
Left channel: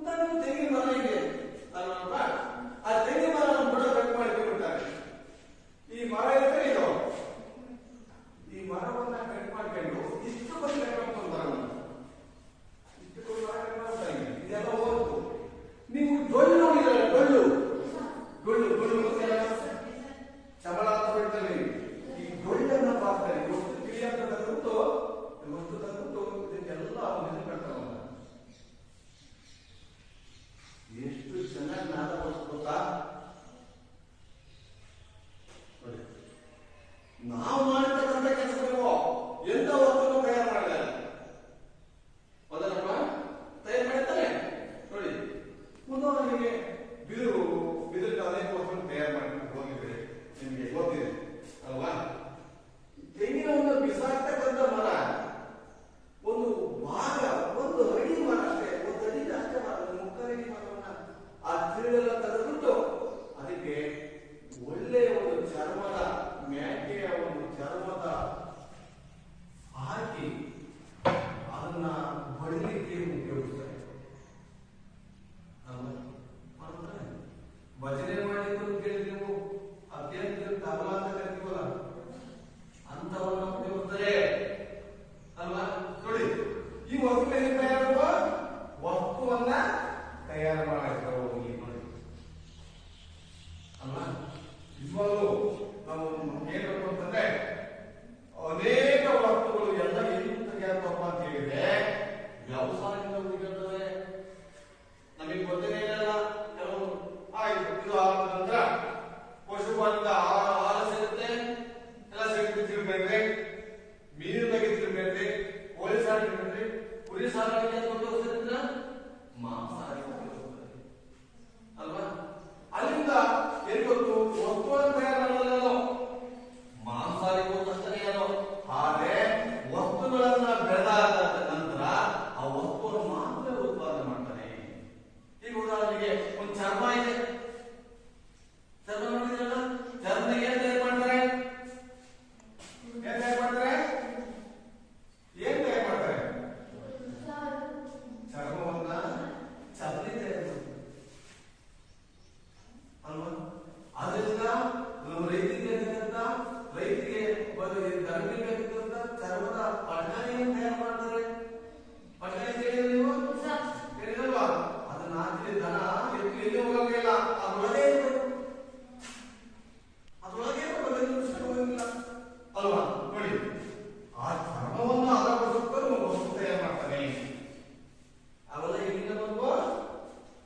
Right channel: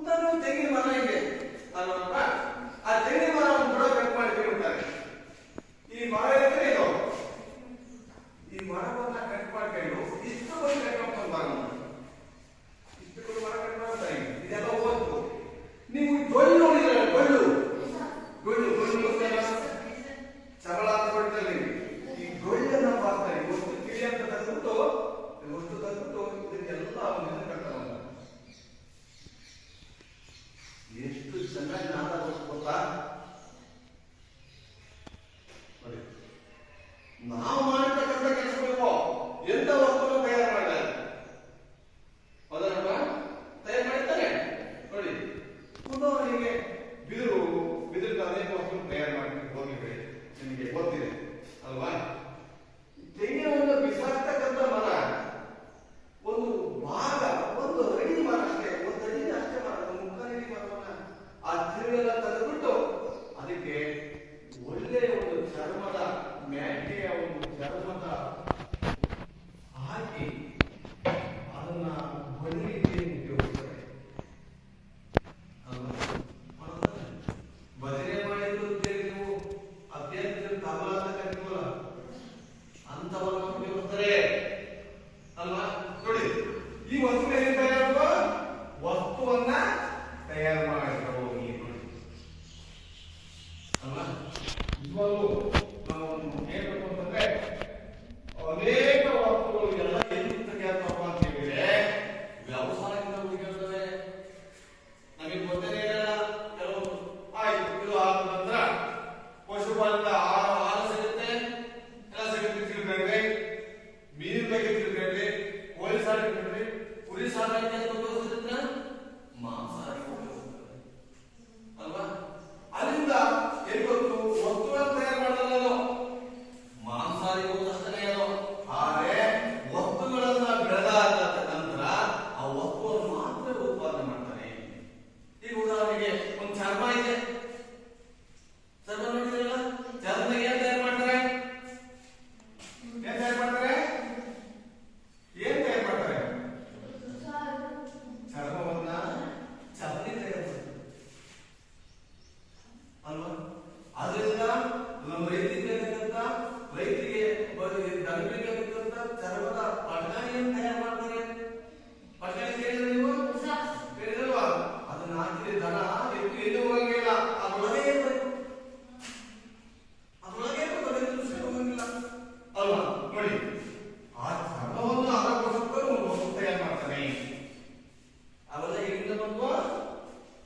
ಉದಾಹರಣೆ ತೆಂಗಿನ ಮರ ಇದೆ ಅಲ್ವಾ? ಆ ತೆಂಗಿನ ಮರವನ್ನು ಕೂಡ ಕಟ್ ಮಾಡಿ ಬಿಡ್ತಾರೆ. ಈ ಮರ ಇದ್ರೆ ಇದು ಈ ಮರವನ್ನ ಕಟ್ ಮಾಡ್ಕೊಂಡು ಇಷ್ಟು ಬಂದು ಕಟ್ ಮಾಡ್ಕೊಂಡು ಮರವನ್ನು ಇಷ್ಟು ಮರ ಕಟ್ ಮಾಡ್ತಾರೆ. ಇದೆಲ್ಲ ಹೋಗ್ತು. ನೀವು ಡೊಳ್ಳು ನೋಡಿದ್ರೆ ಡೊಳ್ಳು ಡೊಳ್ಳು ಡೊಳ್ಳು ಗೊತ್ತಲ್ಲ? ಚಬಳ ಅಂತ ಬಿಡ್ತಾರೆ. ಈ ಡೊಳ್ಳನ್ನು ಮಾಡ್ತಾರೆ. ಒಟ್ಟು ಕಿಳಿ ಅಂತ ತೆಗೆದುಬಿಟ್ಟು ಇದಕ್ಕೆಲ್ಲ ಇದನ್ನು ಕಟ್ತಾರೆ. ಎಷ್ಟು ಚೆನ್ನಾಗಿ ನಾದ ಗೊತ್ತಾ? ನಾವು ಮಾಡತಕ್ಕಂಥ ಕೆಲಸಗಳು ಎಂತ ವಸ್ತುವನ್ನು ತಯಾರು ಮಾಡಿದ್ದಾರೆ. ಹೌದಲ್ವಾ? ತಯಾರು ಮಾಡ್ತಾರೆ. ನೋಡಿ, ಉದಾಹರಣೆಗೆ ಬಿದಿರು ಅನೇಕ ವಸ್ತುವನ್ನು ತಯಾರು ಮಾಡಿ ಹೋಗಿದ್ರೆ ನಿಮಗೆ ಗೊತ್ತಿದೆ ಅಲ್ವಾ? ತೆಂಗಿನವನ್ನು ಬಿಸಾಕ್ತಕ್ಕಂಥ ಮರ ಒಂದು ಭಾಗ, ಒಂದು ಅಡಿ ಮರ ಅಷ್ಟೇ, ಒಂದು ಅಡಿಗೆ ಅಷ್ಟೇ ಮರ, ಒಂದು ಮುಕ್ಕಾಲು ಅಡಿ ಮರವನ್ನ ಆ ತಿರುಳೆಲ್ಲ ತೆಗೆದುಬಿಟ್ಟು ಅದಕ್ಕೆ ಒಳ್ಳೆಯ ಒಂದು ಚರ್ಮದ ಮ್ಯಾಟೆಯ ಒಂದು ಚರ್ಮದ ಹಾಕಿ ಅದನ್ನ ಬಡಲಿಕ್ಕೆ ಉಪಯೋಗಿಸ್ತಾರೆ ಅಲ್ವಾ? ಭಜನೆ ಮಾಡಿದ್ದು ನೀವು ಅಭ್ಯರ್ಥಿ ತಬಲ ಅಂತ ಕರಿತೀವಲ್ಲ, ಅಂತವನ್ನು ಉಪಯೋಗಿಸ್ತಾರೆ ಅಲ್ವಾ? ನೋಡಿ, ಈ ವಸ್ತು ಏನ್ ತಯಾರು? ವಸ್ತುವನ್ನ ತಯಾರು ಮಾಡಿದ್ರು ನೋಡಿ ಅಲ್ವಾ? ನಿಜವಾಗ್ಲೂ ನಾವು ಹೇಳ್ಬೇಕು ಅಂತಂದ್ರೆ ಅನೇಕ ವಸ್ತುಗಳು ಎಲ್ಲ ಎಲ್ಲಿ ತೆಗೆಯತ್ತಪ್ಪ ಅಂತ ಹೇಳಿದ್ರೆ ವ್ಯವಸಾಯದಿಂದ ಉಪಯೋಗಿಸ್ತವೆ. ನಮಗೆ ಗೊತ್ತೇನೆ ಇರಲ್ಲ ಕೆಲವು. ಆಯ್ತು, ಇದು ಆದ ನಂತರ ಪಶುಪಾಲಕ ಹಾಲು ಸಿಗುತ್ತೆ, ಎಲ್ಲ ಸಿಗುತ್ತೆ ತಿಳ್ಕೊಂಡ್ರಿ. ಮೀನಿನ ಬಗ್ಗೆ ತಿಳ್ಕೊಂಡ್ರಿ, ಕೋಳಿ ಸಾಕಾಣಿಕೆ ತಿಳ್ಕೊಂಡ್ರಿ, ಕುರಿ ಸಾಕಾಣಿಕೆ ಉಪಯೋಗಿಸ್ತಿದ್ರ ಮಾಂಸಾಹಾರಿ ಉಪಯೋಗಿಸ್ತಾರೆ.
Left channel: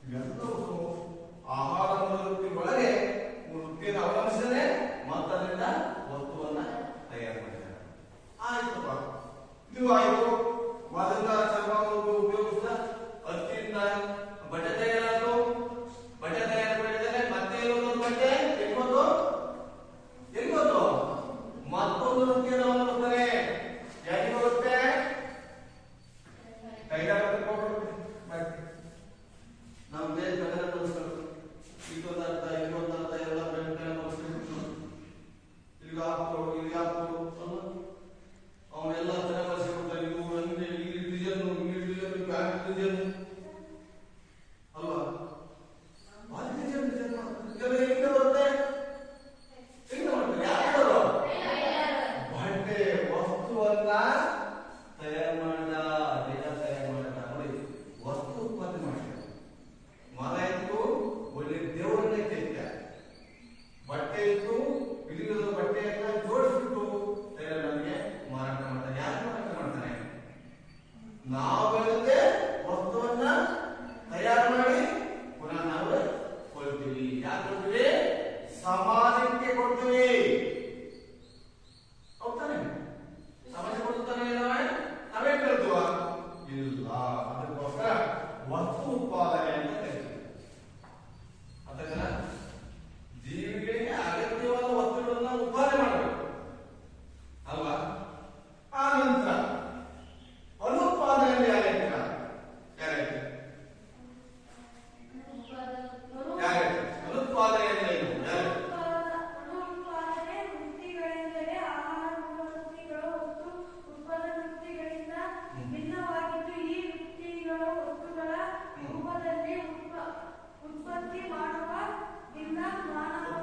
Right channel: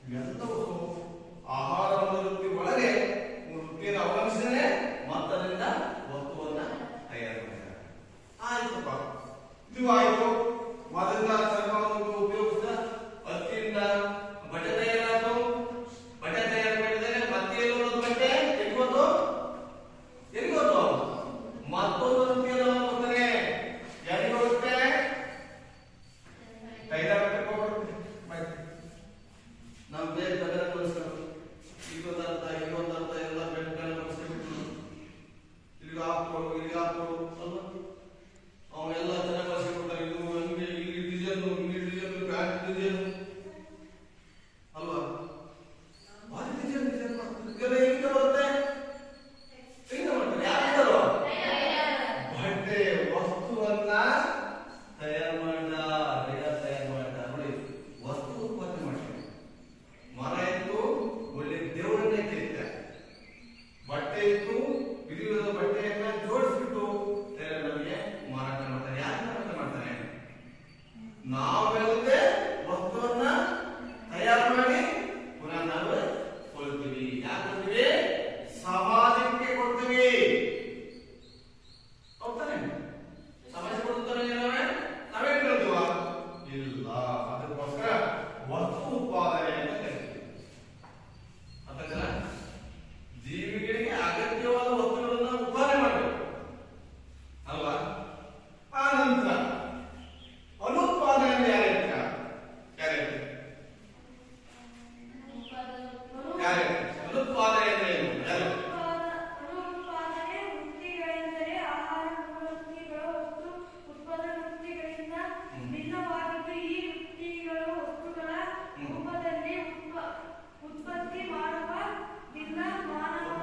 ಇವೆಲ್ಲವೂ ಆಹಾರವನ್ನು ವೃತ್ತಿ ಒಳಗೆ ವೃತ್ತಿಯನ್ನು ಅವಲಂಬಿಸಿದರೆ ಮತ್ತದರಿಂದ ವಸ್ತುವನ್ನ ತಯಾರು ಮಾಡ್ತಾರೆ. ಆಯ್ತಪ್ಪ, ಇದು ಆಯ್ತು. ಮೊದಲಿನ ಚರ್ಮವನ್ನು ಉಪಯೋಗಿಸಿದ ಹತ್ತಿಯಿಂದ ಬಟ್ಟೆ ತಯಾರಾಯ್ತು. ಬಟ್ಟೆ ತಯಾರು ಮಾಡಿದರೆ ಮತ್ತೆ ಒಂದು ಬಟ್ಟೆ ಎಲ್ಲಿಗೋದು ಮತ್ತೊಂದು ವೃತ್ತಿಯನ್ನು ಅವಲಂಬಿಸ್ತಾರೆ. ಯಾರಿಗೆ ಹೋಗುತ್ತೆ? ಟೈಲರ್ ಹೋಗುತ್ತೆ. ನಾವು ಬೇರೆ ಪ್ರಕಾರ ಕಲಿಸ್ಬೇಕು. ಇದೊಂದರ್ಥ ಎಲ್ಲ ಬೆಂಗಳೂರು ಕಲಿಸ್ಬೇಕು. ಇಲ್ಲಿಗೆ ಹಾಕು ಅಲ್ವಾ? ಅವೆಲ್ಲ ಚೆನ್ನಾಗಿ ಬಳಸಿಕೊಡ್ತಾರೆ. ಇದು ಹಂಗೆ ಈ ಡಿಸೈನ್ ಪ್ಯಾಂಟ್ ಡಿಸೈನ್ ಅಲ್ವಾ? ಭಾರಿ ಡಿಸೈನ್ ಮಾಡ್ತಾರೆ. ಎಲ್ಲಿಂದ ಬರುತ್ತೆ? ಎಲ್ಲಿಂದ ಮಾಡ್ತಾರೆ? ಯಾರು ಬಟ್ಟೆ ವಸ್ತುವನ್ನ ತಯಾರು ಮಾಡಿದ ನೋಡಿ, ವಸ್ತು ಉತ್ಪತ್ತಿ ಮಾಡ್ತಾರೆ. ಮರ ಇತ್ತು, ಒಳ್ಳೆ ದೇವರನ್ನೇ ಕೆತ್ತ. ಬಟ್ಟೆ ಇತ್ತು, ವಿಧ ಬಟ್ಟೆಯನ್ನ ಜೋಡಿಸ್ಬಿಟ್ಟು ನಮಗೆ ಮಾರಾಟ ಮಾಡ್ತಾನೆ. ಯಾಕೆ ಮಾರಾಟ ಮಾಡ್ತಾನೆ? ನಾವೆಲ್ಲದೆ ವಸ್ತುವನ್ನ ತಯಾರು ಮಾಡಿ ಪುನಃ ನಾವು ಕೊಡ್ತೀವಿ. ಯಾಕೆ ಕೊಡ್ತೀವಿ? ಸಮಾಜಕ್ಕೆ ಕೊಡ್ತೀವಿ. ಹೌದಾನೆ? ಸಮಾಜ ಕೊಡ್ತಾನೆ ನಾವೇನ್ ಕೇಳ್ತೀವ? ಇಲ್ಲ. ಅದಕ್ಕೋಸ್ಕರ ವಸ್ತು ಉತ್ಪಾದನೆ ಅಂತ ಕರಿತೀವಿ. ಅದನ್ನ ಜೀವಿಗಳಿಗೆ ಅಗತ್ಯವಾದ ವಸ್ತುಗಳನ್ನ ಉತ್ಪಾದನೆ ಮಾಡಬೇಕು ಅಲ್ವಾ? ಆ ನಂತರ ಅನುತ್ಪಾದನೆ ಅನುತ್ಪಾದನೆ ಅಂದ್ರೆ ಏನು? ಅನುತ್ಪಾದನೆ ವೃತ್ತಿಗಳೆಂದರೆ ಆಹಾರ ವೃತ್ತಿಗಳು ವಸ್ತು ಉತ್ಪಾದನಾ ವೃತ್ತಿಗಳಿಂದ ಭಿನ್ನವಾಗಿದ್ದು ಈ ವೃತ್ತಿಗಳು ವಸ್ತುಗಳ ರೂಪದಲ್ಲಿ ಉತ್ಪತ್ತಿ ಮಾಡುವ ಭಿನ್ನ ಮಾನವ